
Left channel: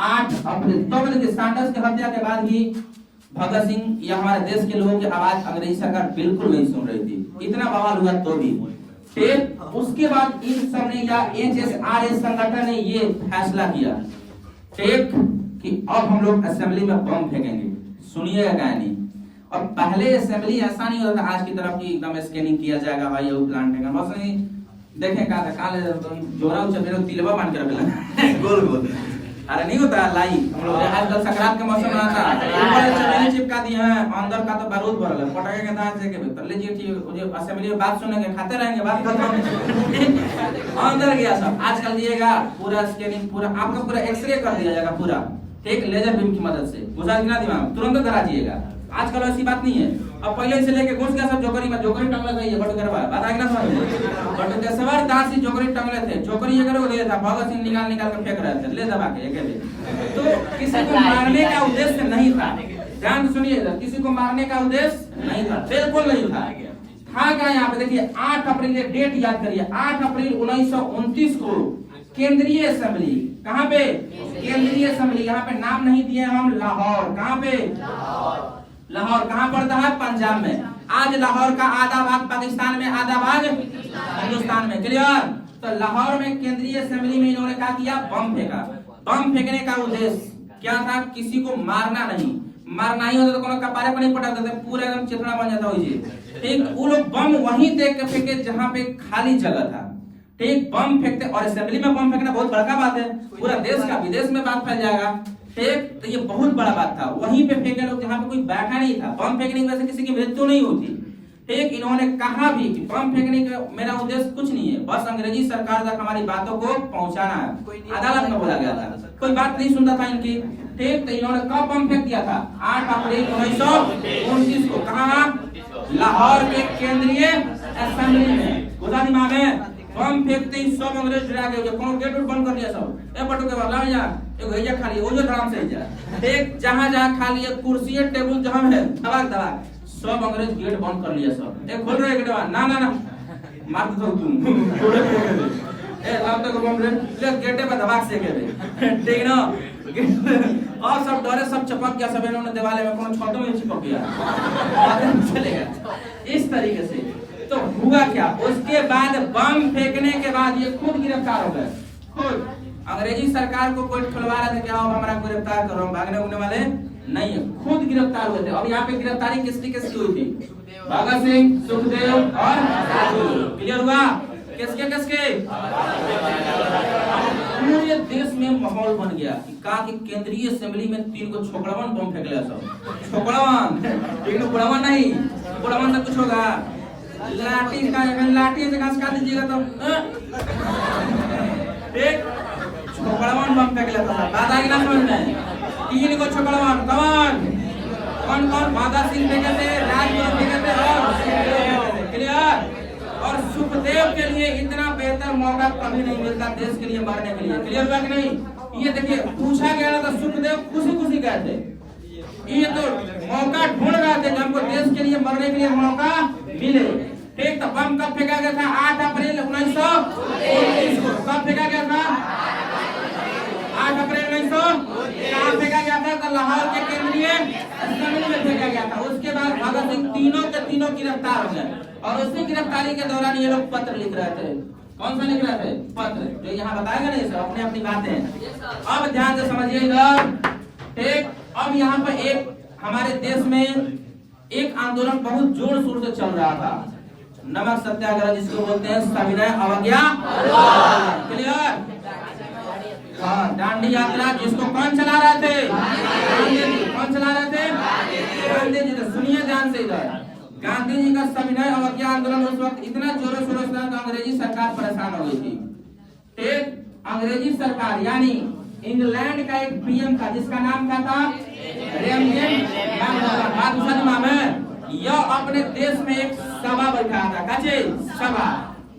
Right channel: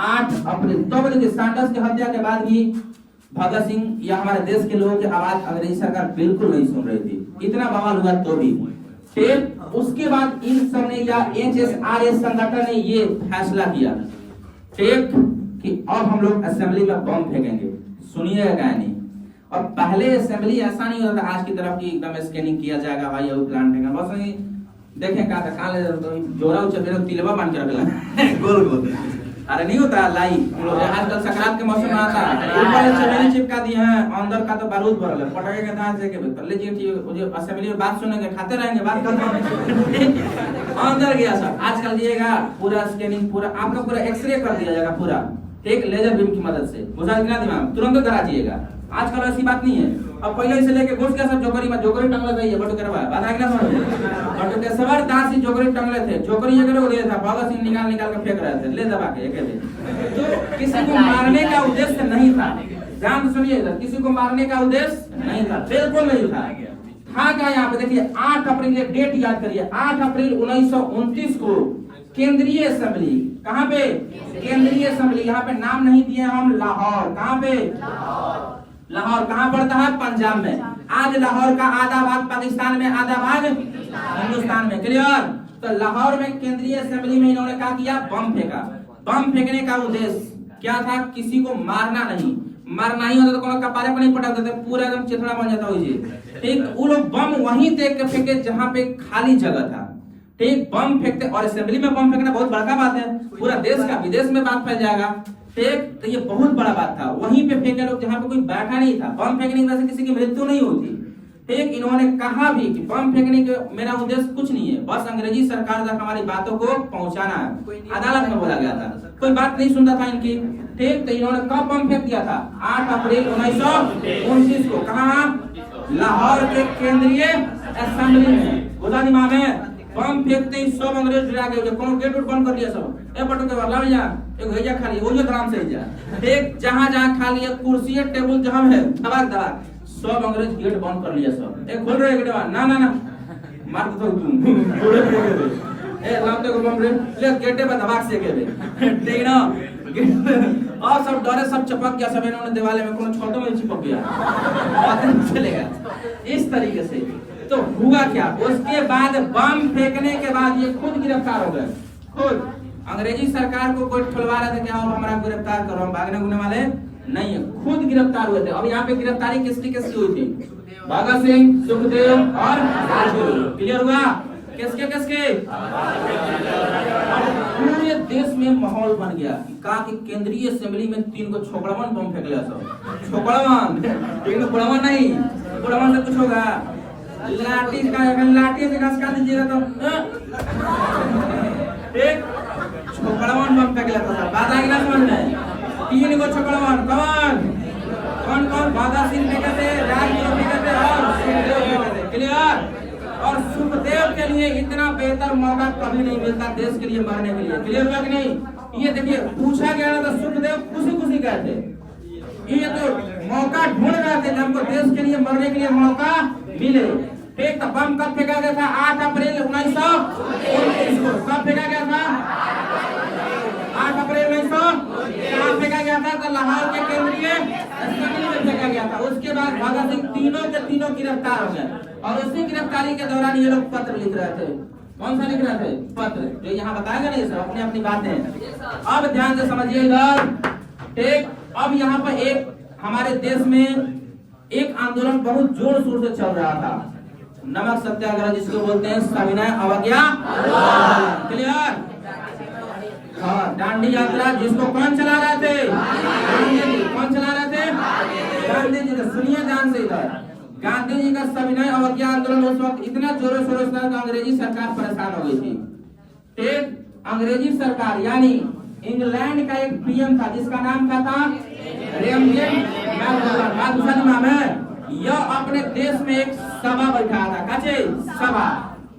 8 अप्रैल, तो देखिए सैंडर्स की हत्या के बाद भी भगत सिंह या हमारे देश के लोगों की आवाज अंग्रेजी सरकार बिल्कुल नहीं सुन रही थी, इतना बवाल हुआ तो भी। फिर उसके बाद इन सब ने या HSRA संगठन ने ये फैसला किया ठीक कि अब हम लोग असेंबली में बम फेंकेंगे। सुनिएगा कहानी, और पहले असेंबली ऐसा नहीं होता था आज की तरफ की एकदम स्कैनिंग किया जाएगा भाई ये प्लान फेंका, बस नहीं देखें कहा था काले जोरा उचपे तिलवा बांध के रखला गोल गोल, अरे नहीं होता लाई हम लोग आजकल संक्रांत के मौसम में आता ऊपर चमेली चिपका दिए हैं, अंदर का तो बारूद भरल है, पटाखे के दांत से के तो लीजिए ठीक जो असेंबली में बात सुनेंगे खाते रहेंगे बात खत्म अंदर गया सब। आजकल दिएगा पूरा स्कैनिंग, पूरा आपका पूरा एक्सरे कर दिया जाएगा पूरा ठीक लेजर बीम की मदद से, बुझा दिखना दिमाग तुरंत करा दिएगा। आजकल ऐसी बात नहीं है, अब पहले से लेके घुस गया सब जोकरी में, जोकरी टंगले गई है बट करवा बात आएगा ना समझ बट के सवार दांत से जोकरी टंगले थे, जोकरी ये करो दे था भगत सिंह निकाल निकाल के फेंक रहे थे ले दबा के एक तो किसी को मारने का उद्देश्य नहीं था, ध्यान सुनिए, किसी को मारने का उद्देश्य नहीं था, बिल्कुल नहीं था क्या यहाँ पे देखिए 8 अप्रैल डेट याद करिए, 8 अप्रैल 1929 को केंद्रीय असेंबली, कहाँ पे केंद्रीय असेंबली, यहाँ पे नाम नहीं दिए हम, लाहौर, कहाँ पे लाहौर, कहाँ पड़ता है पंजाब में। आज लाहौर का आधा भाग पाकिस्तान में आधा भाग हिंदुस्तान में, क्लियर। तो लाहौर में केंद्रीय असेंबली में इन्होंने क्या किया, बम फेंका। बम फेंकने का उद्देश्य क्या था, किसी को मारना नहीं, मारना ही होता तो कोनो कपारे पर नहीं पटा देते, पूरा एकदम चिथड़ा बन जाता हो ठीक। वो लोग बम वहीं देख के फेंके जहाँ पे खाली जगह था ठीक, बम फेंकते, और असेंबली में बम फेंकना बहुत बड़का बात है, पूरा देश का विदेश में बात फैल जाएगा ठीक, तो ये बहुत बड़ा बात था। वहीं पे फेंके लोग जहाँ पे कोई बैठा नहीं था, बम फेंकने की वजह से किसी की मृत्यु नहीं होती ठीक। इन्होंने कहा भी कि बम फेंकने का मेरा उद्देश्य कुछ नहीं है, बस अंग्रेजी सरकार तक हमारी बातों को पहुंचाना है। अदालत में बोला गया था, कोई बात नहीं सुनता था इनकी ठीक। तो इन्होंने कब बम फेंक दिया था, 8 अप्रैल 1929 को, कहा लाहौर के केंद्रीय असेंबली में, बुझा दिमाग में। बम फेंकते ही सब अंग्रेज डरा गए, कोनो गेट उट बंद कर दिया सब, ए बटो के लाओ जा एक भैया खाली वो जो आराम से जा एक जहां खाली है कुर्सी है टेबल जहां है दबाक दबाक सब अंग्रेज गेट बंद कर लिया सब। एक खोल रहे गेटवा ना ना ना मार दो तुम ए लाओ तो बम ले गेटे पर दबाक से के ठीक ना और सब डरे सब चपक गया, सब इन्होंने दीवाले में कोनो छोटो में चिपक गया पता नहीं चलेगा इस तरीके से। तो हुआ क्या, उसके बाद बम फेंकने के बाद ये खुद गिरफ्तार हो गए, खुद। अंग्रेजी सरकार को कोई खुलवा रहा था कि आप हमारा गिरफ्तार करो, हम भागने घूमने वाले नहीं है, खुद गिरफ्तार हुए थे। अब यहाँ पे गिरफ्तारी किसकी किसकी हुई थी, भगत सिंह, सुखदेव और राजगुरु, क्लियर हुआ, किसके किसके। पूरे देश में माहौल बन गया कि कहा कि केंद्रीय असेंबली में 3 को छोकड़वन बम फेंक लिया सब, छोकड़वन लेकिन बुढ़वन नहीं, बुढ़वन से कुछ होगा लाठी का, लाठी से घास काट दीजिएगा तो एक छोकड़वन बम फेंक लेता था, बात आएगी ना समझ में। 3 को छोकड़वन, कौन कौन, भगत सिंह फेंके थे, राजगुरु फेंके थे और सुखदेव फेंके थे, क्लियर। और सुखदेव के लिए इतना बेहतर मौका कभी नहीं मिलता देश के लिए मरने के लिए, क्लियर हुआ कि नहीं। ये देखिए पूछा गया था सुखदेव खुशी खुशी कहते, ये तो मौका ढूंढ रहे थे हमको देश के लिए मरने के लिए मौका मिले ठीक, तो बम कब फेंका गया था? 8 अप्रैल 1929 को। कब फेंका गया था? 8 अप्रैल 1929 कहाँ फेंका गया था? तो लाहौर के केंद्रीय अस्पताल में फेंका गया था। उसके बाद भगत सिंह तीनों के तीनों गिरफ्तार हो गए और उसी गिरफ्तारी के दौरान ये लोग पत्र लिख रहे थे। कौन सा लिख रहे थे? पत्र, जो यहाँ बताएगा नहीं सब अपनी अपनी बातें। अब ध्यान से समझिए इधर, ठीक। अब यहाँ पर एक हमारे देश में एक आंदोलन बहुत जोर शोर से चल रहा था, नमक सत्याग्रह, जिसको बोलते हैं सविनय अवज्ञा। क्लियर? हाँ, दांडी यात्रा, जिसको कौन चला रहे थे? गांधी जी। कौन चला रहे थे? गांधी जी। तो सुनिए ध्यान से इधर, गांधी जी का सविनय अवज्ञा आंदोलन उस वक्त इतना जोरों शोरों से था, अंग्रेजी सरकार परेशान हो गई थी। ठीक, अंग्रेजी सरकार यानी इंग्लैंड का एक पीएम था जिसका नाम क्या था? यह अपने देश में एक सभा बैठा था, काचे सभा,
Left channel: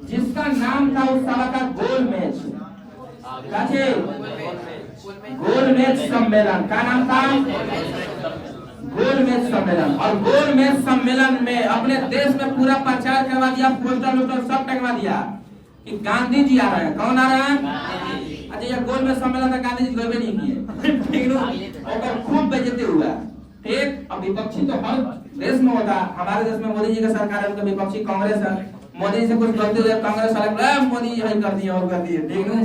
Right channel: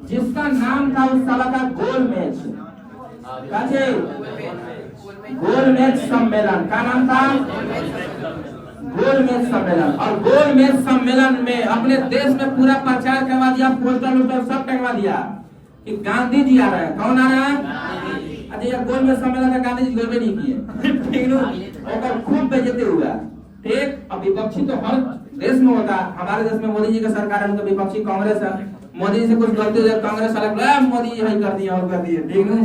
जिसका नाम था उस सभा का गोलमेज। काचे गोलमेज सम्मेलन का नाम था गोलमेज सम्मेलन। और गोलमेज सम्मेलन में अपने देश में पूरा प्रचार करवा दिया, पोस्टर वोस्टर सब टंगवा दिया कि गांधी जी आ रहे हैं। कौन आ रहा है? अच्छा, ये गोलमेज सम्मेलन में गांधी जी कोई भी नहीं किए। ठीक है, खूब बेइज्जती हुआ। ठीक, अब विपक्षी तो हर देश में होता, हमारे देश में मोदी जी का सरकार है तो विपक्षी कांग्रेस है। मोदी जी से कुछ गलती हो जाए कांग्रेस वाले मोदी जी यही कर दिए और कर दिए। ठीक है,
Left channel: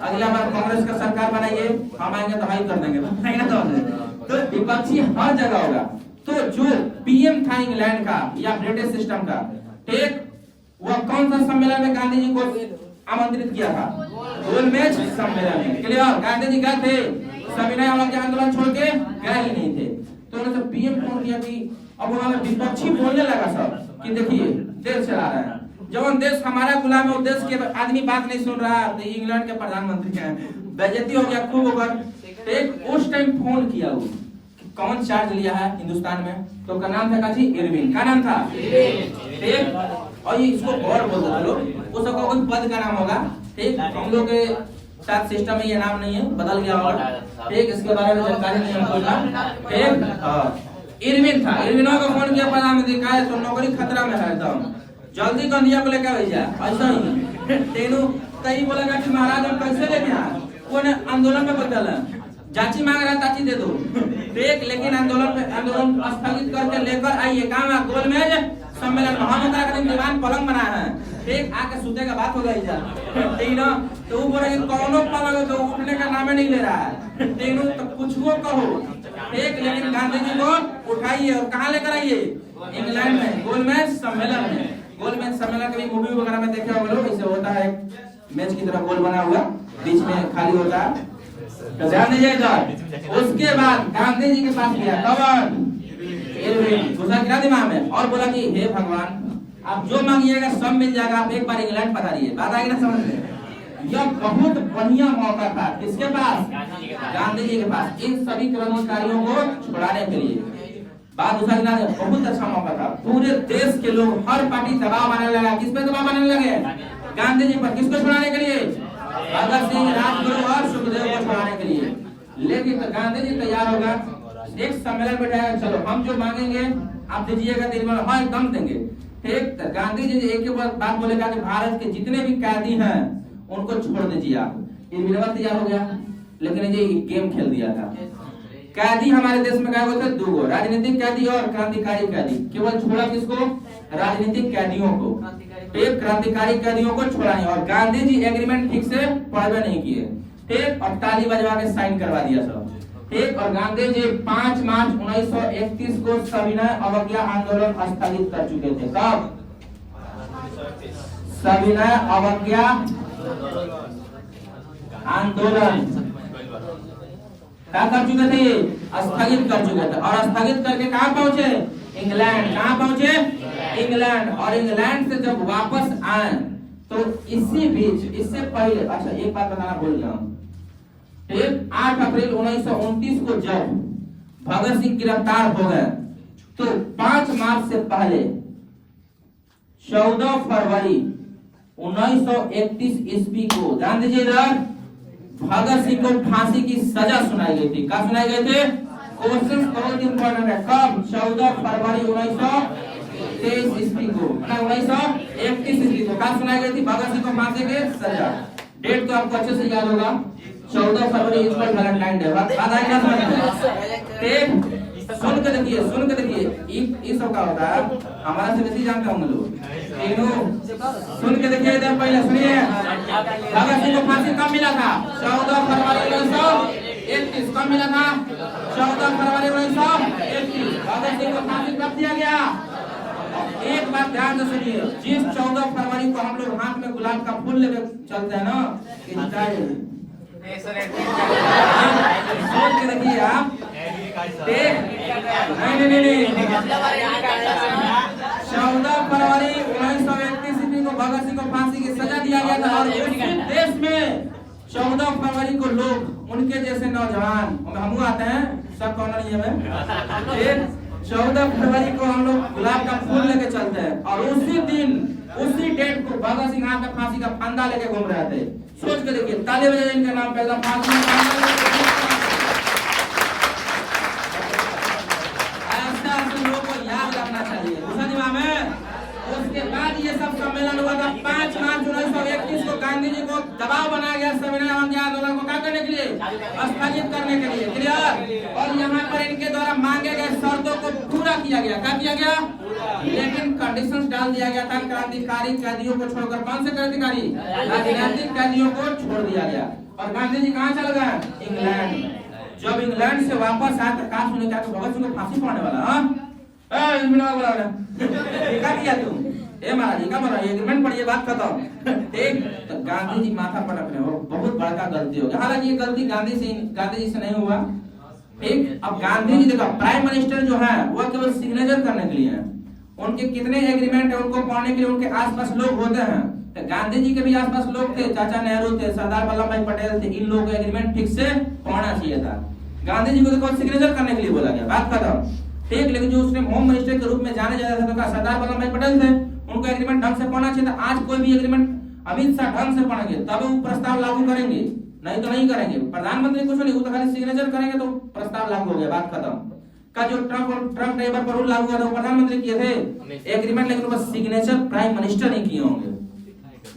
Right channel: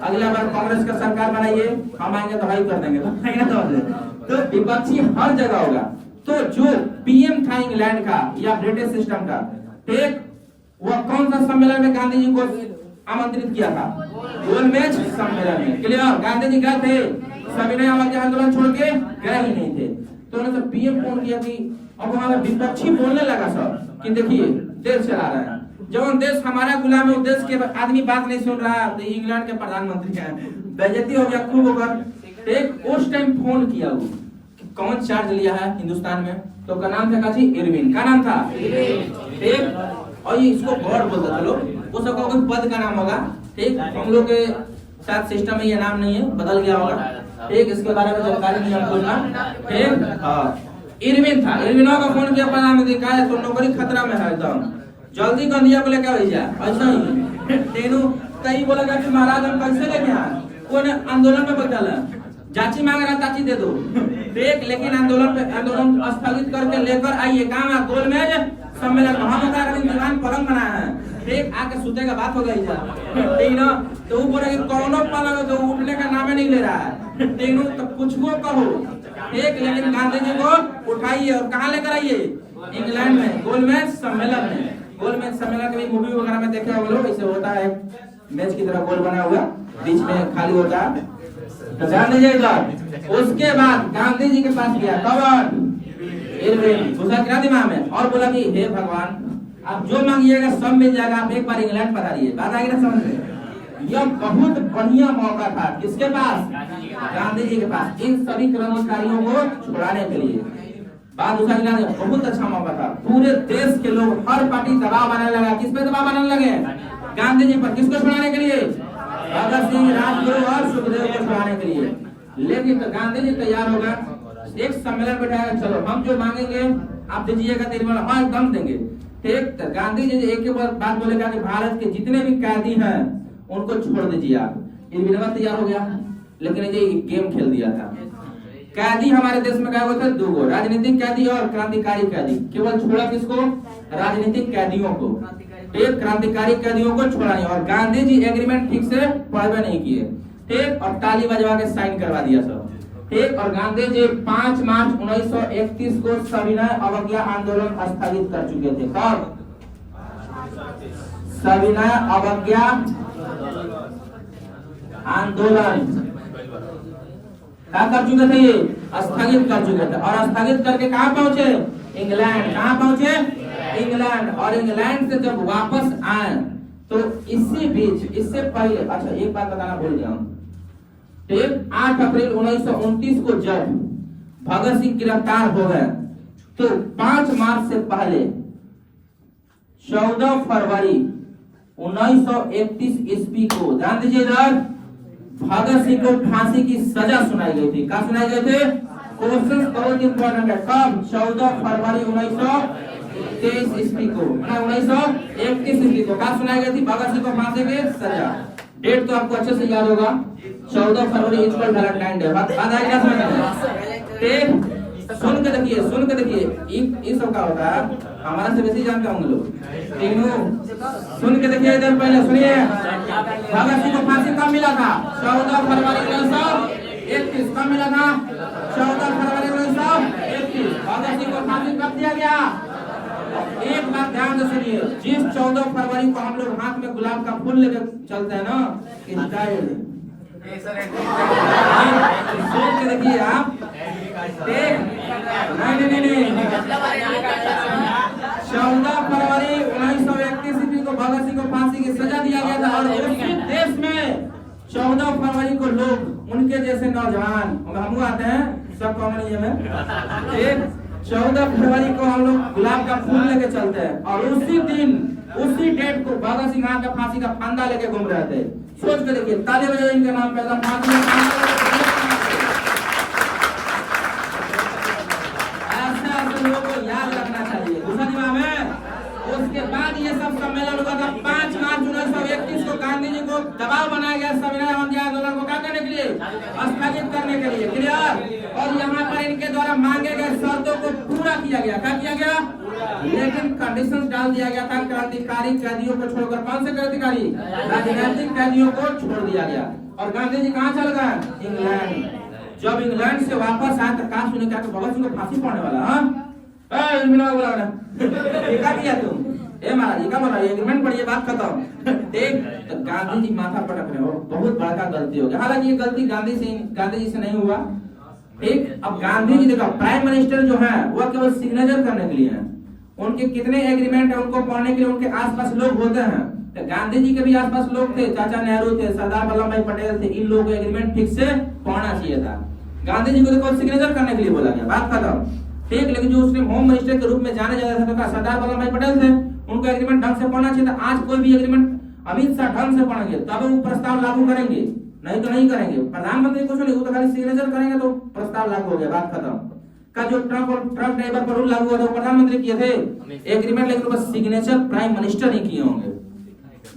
अगला बार कांग्रेस का सरकार बनाइए, हम आएंगे तो वही कर देंगे। तो विपक्षी हर जगह होगा। तो जो पीएम था इंग्लैंड का या ब्रिटिश सिस्टम का, ठीक, वह कौन सा सम्मेलन में गांधी जी को आमंत्रित किया था? गोलमेज सम्मेलन में। क्लियर? गांधी जी गए थे, सविनय अवज्ञा आंदोलन छोड़ के गए ही नहीं थे। तो उन्होंने पीएम फोन किया कि अब वहां विपक्षी बोलने लगा सब कि देखिए देश चला रहा है, जब देश हमारा गुलाम है, देश के आदमी बात नहीं सुन रहा, तो इंग्लैंड के प्रधानमंत्री हैं, बेइज्जती हो गया खूब होकर। एक उस टाइम फोन किया वो कि कौन चार्ज लिया है हिंदुस्तान में, तो का नाम था काजी इरविन। का नाम था? ठीक, और ये इसको गौर बोलते थे लोग, वो सबका कोई पद का नाम होगा। ठीक, हम लोग के साथ सिस्टम में ये नाम नहीं है, बदल गया होगा। ठीक, इसके बारे में जानकारी नहीं हमको ना। ठीक, हाँ, इरविन था। इरविनों का फोन किया प्रधानमंत्री, कहा तो नौकरी खतरा में है एकदम, जल्दी गांधी को लेकर भेजा। ऐसा ही तेनू कई बोलेगा कि महाराज हम कैसे लेके आए, कौन आंदोलन में बैठल है, जांची मांग रहा चाची दे दो। देख, लेकिन आंदोलन स्थगित करके लेकर आइए। काम गोलमेज सम्मेलन में दीवान पलंग बनाया है। ठीक, आके सूते का बात हो गई जा। ठीक ना, तो वो बोले कि कौनो पलंग जो उठने का नाम नहीं ले रहा है। ठीक, तो कुछ को कहो। ठीक, लेकिन गांधी जी को उठाइए और कहाँ लेकर आइए? इंग्लैंड में गोलमेज सम्मेलन में। गोलमेज सम्मेलन कभी मूवी वगैरह में देखे होंगे लोग, इसे होता है मैच की तरह गोल बना हुआ, बीच में खाली होता है। तो ध्यान दीजिएगा। उसके बाद गांधी जी के पास गया कौन? इरविन। घुसा गिरा दिमाग में और बोला कि हे भगवान, आप जो मांगिएगा सब मिल जाएगा, आप एक बार इंग्लैंड पधा दिए। बात आएगी ना समझ में? यह बहुत बढ़िया मौका था। किसके पास? गांधी जी के पास, इन सभी क्रांतिकारियों को छुड़ाने के लिए। बात उठा गिरा, बहुत अच्छा मौका था। पूरे देश के लोग, हर पार्टी दबाव बनाने लगा। किस पे दबाव बनाने लगे? गांधी जी पर। किसको छुड़ाने के लिए? भगत सिंह, राजगुरु और सुखदेव को छुड़ाने के लिए। लेकिन तो गांधी जी तैयार होगा, एक सम्मेलन बैठाएगा, चलो हम जो मांगेंगे आप दीजिएगा, हाँ एकदम देंगे। ठीक, तो गांधी जी एक बात बोलेगा कि भारत के जितने भी कैदी हैं उनको छोड़ दीजिए आप। इरविन तैयार हो गया, लेकिन ये गेम खेल दिया था। कैदी हमारे देश में क्या होते हैं? दो गो, राजनीतिक कैदी और क्रांतिकारी कैदी। केवल छोड़ा किसको? राजनीतिक कैदियों को। ठीक, क्रांतिकारी कैदियों को छोड़ा नहीं। और गांधी जी एग्रीमेंट ठीक से पढ़वे नहीं किए। ठीक, और ताली बजवा के साइन करवा दिया सब। ठीक, और गांधी जी 5 मार्च 1931 को सविनय अवज्ञा आंदोलन स्थगित कर चुके थे। सब सविनय अवज्ञा आंदोलन क्या कर चुके थे? ये स्थगित कर चुके थे। और स्थगित करके कहाँ पहुंचे? इंग्लैंड। कहाँ पहुंचे? इंग्लैंड। और इंग्लैंड से जब वापस आए तो इसी बीच, इससे पहले, अच्छा एक बात बताना भूल गया हूं। 8 अप्रैल 1929 को जब भगत सिंह गिरफ्तार हो गए तो 5 मार्च से पहले 14 फरवरी 1931 ईस्वी को गांधी जी भगत सिंह को फांसी की सजा सुनाई गई थी। कब सुनाई गई थी? क्वेश्चन बहुत इंपॉर्टेंट है। कब? 14 फरवरी 1931 23 ईस्वी को, 1931 ईस्वी को कब सुनाई गई थी भगत सिंह को फांसी की सजा। डेट तो आपको अच्छे से याद होगा, 14 फरवरी इज पर वैलेंटाइन डे। बात आई क्या समझ में? ठीक, सुन के देखिए ये सब का होता है, हमारा से बेसी जानते होंगे लोग। तीनों सुन के देखिए, इधर पहले सुनिए, भगत सिंह को फांसी कब मिला था? 14 फरवरी 1931। कब मिला था? 14 फरवरी 1931। भगत सिंह को फांसी कब दिया गया? एक बात ध्यान से सुनिए, जिस 14 फरवरी को हम लोग हाथ में गुलाब का फूल लेकर चलते हैं ना, सोच के देखिए आप। नहीं 14 फरवरी 1931 ईस्वी को भगत सिंह को फांसी की सजा दिया गया था। और उसी देश में 14 फरवरी को लोग उनके जैसे नौजवान, हम आते हैं सब कॉमन में, 14 फरवरी को हम लोग गुलाब का फूल लेके चलते हैं और उसी दिन उसी डेट को भगत सिंह हाथ में फांसी का फंदा लेके घूम रहे थे। सोच के देखिए, ताली बजाइए इनके नाम पे, एकदम फांसी ऐसे लोगों को याद रखना चाहिए। दूसरा दिमाग में उसके बाद ये सब सम्मेलन हुआ था। 5 मार्च 1931 को गांधी जी को दबाव बनाया गया संविधान आंदोलन को क्या करने के लिए? स्थगित करने के लिए। क्लियर? और यहाँ पर इनके द्वारा मांगे गए शर्तों को पूरा किया गया। क्या किया गया? लेकिन कंडीशंस डाल दिया गया था। क्रांतिकारी कैदियों को छोड़कर, कौन से क्रांतिकारी? राजनीतिक कैदियों को छोड़ दिया गया। और गांधी जी कहाँ चल गए? इंग्लैंड। जब इंग्लैंड से वापस आए तो कहा सुने क्या भगत सिंह को फांसी पड़ने वाला? क्या किया तुम? महाराज क्या बोला? एग्रीमेंट पढ़िए, बात खत्म। ठीक, तो गांधी जी माथा पटक रहे हो, बहुत बड़ा गलती हो गया। हालांकि ये गलती गांधी जी से नहीं हुआ। ठीक, अब गांधी जी देखो, प्राइम मिनिस्टर जो है वो केवल सिग्नेचर करने के लिए है। उनके कितने एग्रीमेंट है उनको पढ़ने के लिए उनके आसपास लोग होते हैं। तो गांधी जी के भी आसपास लोग थे, चाचा नेहरू थे, सरदार वल्लभ भाई पटेल थे। इन लोगों को एग्रीमेंट ठीक से पढ़ना चाहिए था। गांधी जी को देखो सिग्नेचर करने के लिए बोला गया, बात खत्म। ठीक, लेकिन जो उसने होम मिनिस्टर के रूप में जाने जाते थे तो क्या सरदार वल्लभ भाई पटेल थे, उनको एग्रीमेंट ढंग से पढ़ना चाहिए था। आज कोई भी एग्रीमेंट अमित शाह ढंग से पढ़ेंगे तब वो प्रस्ताव लागू करेंगे, नहीं तो नहीं करेंगे। प्रधानमंत्री कुछ नहीं, वो तो खाली सिग्नेचर करेंगे तो प्रस्ताव लागू हो गया, बात खत्म। का जो ट्रक ड्राइवर पर रूल लागू हुआ था वो प्रधानमंत्री किए थे एग्रीमेंट, लेकिन वो सिग्नेचर प्राइम मिनिस्टर ही किए होंगे।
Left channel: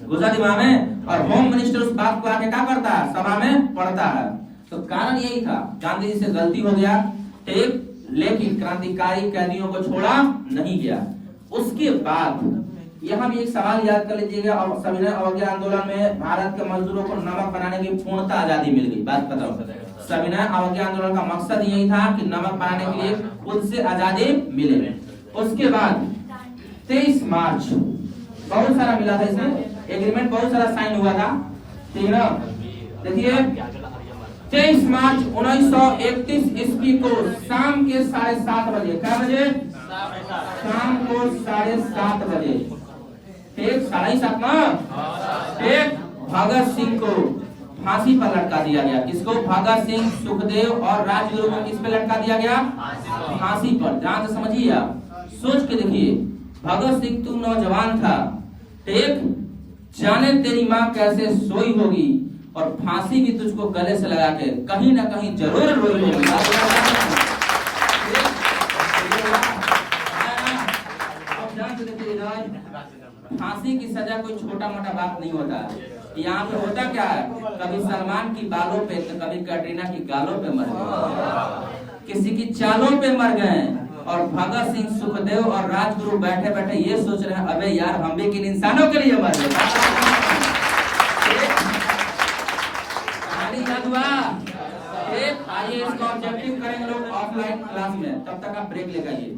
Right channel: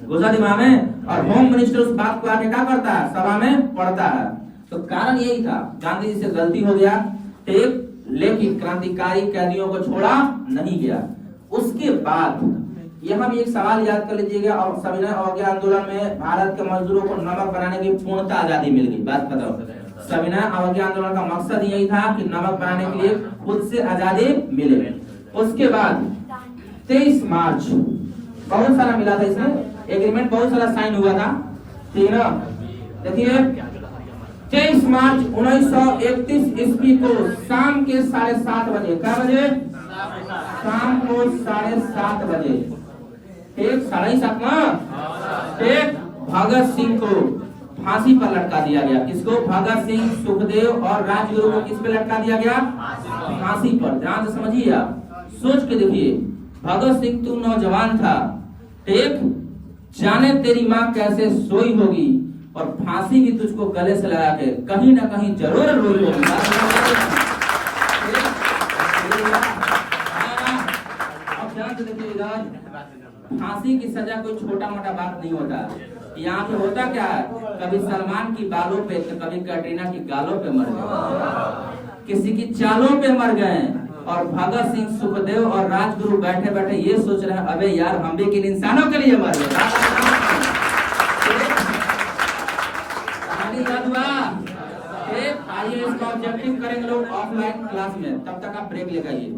गुजरा दिमाग में। और होम मिनिस्टर उस बात को आके क्या करता है? सभा में पढ़ता है। तो कारण यही था, गांधी जी से गलती हो गया। ठीक, लेकिन क्रांतिकारी कैदियों को छोड़ा नहीं गया। उसके बाद यहाँ भी एक सवाल याद कर लीजिएगा, और सविनय अवज्ञा आंदोलन में भारत के मजदूरों को नमक बनाने की पूर्णतः आजादी मिल गई। बात बताओ, सविनय अवज्ञा आंदोलन का मकसद यही था कि नमक बनाने के लिए खुद से आजादी मिले। उसके बाद 23 मार्च बहुत सारा मिला था, इसमें एग्रीमेंट बहुत सारा साइन हुआ था। ठीक है, देखिए 23 मार्च 1931 ईस्वी को शाम के 7:30 बजे, क्या बजे? शाम को 7:30 बजे। ठीक, 7:30 ना? ठीक, भगत सिंह को फांसी पर लटका दिया गया। किसको? भगत सिंह, सुखदेव और राजगुरु को किस पे लटका दिया गया? फांसी पर। ध्यान से समझिए आप, सोच के देखिए। भगत सिंह तू नौजवान था, ठीक, जाने तेरी माँ कैसे सोई होगी और फांसी भी तुझको गले से लगा के कहीं ना कहीं जरूर रोई होगी। अब ध्यान से देखिए, फांसी की सजा कोई छोटा मोटा बात नहीं होता। यहाँ पे होता क्या है, कभी सलमान की बालों पे तो कभी कैटरीना की गालों पे मर गए, किसी की चालों पे मर गए। और भगत सिंह, सुखदेव और राजगुरु बैठे बैठे ये सोच रहे हैं, अबे यार हम भी किन इंसानों के लिए मर गए। याद हुआ? आइए इसका ऑब्जेक्टिव करेंगे लोग ऑफलाइन क्लास में, तब तक आप ब्रेक लेकर आइए।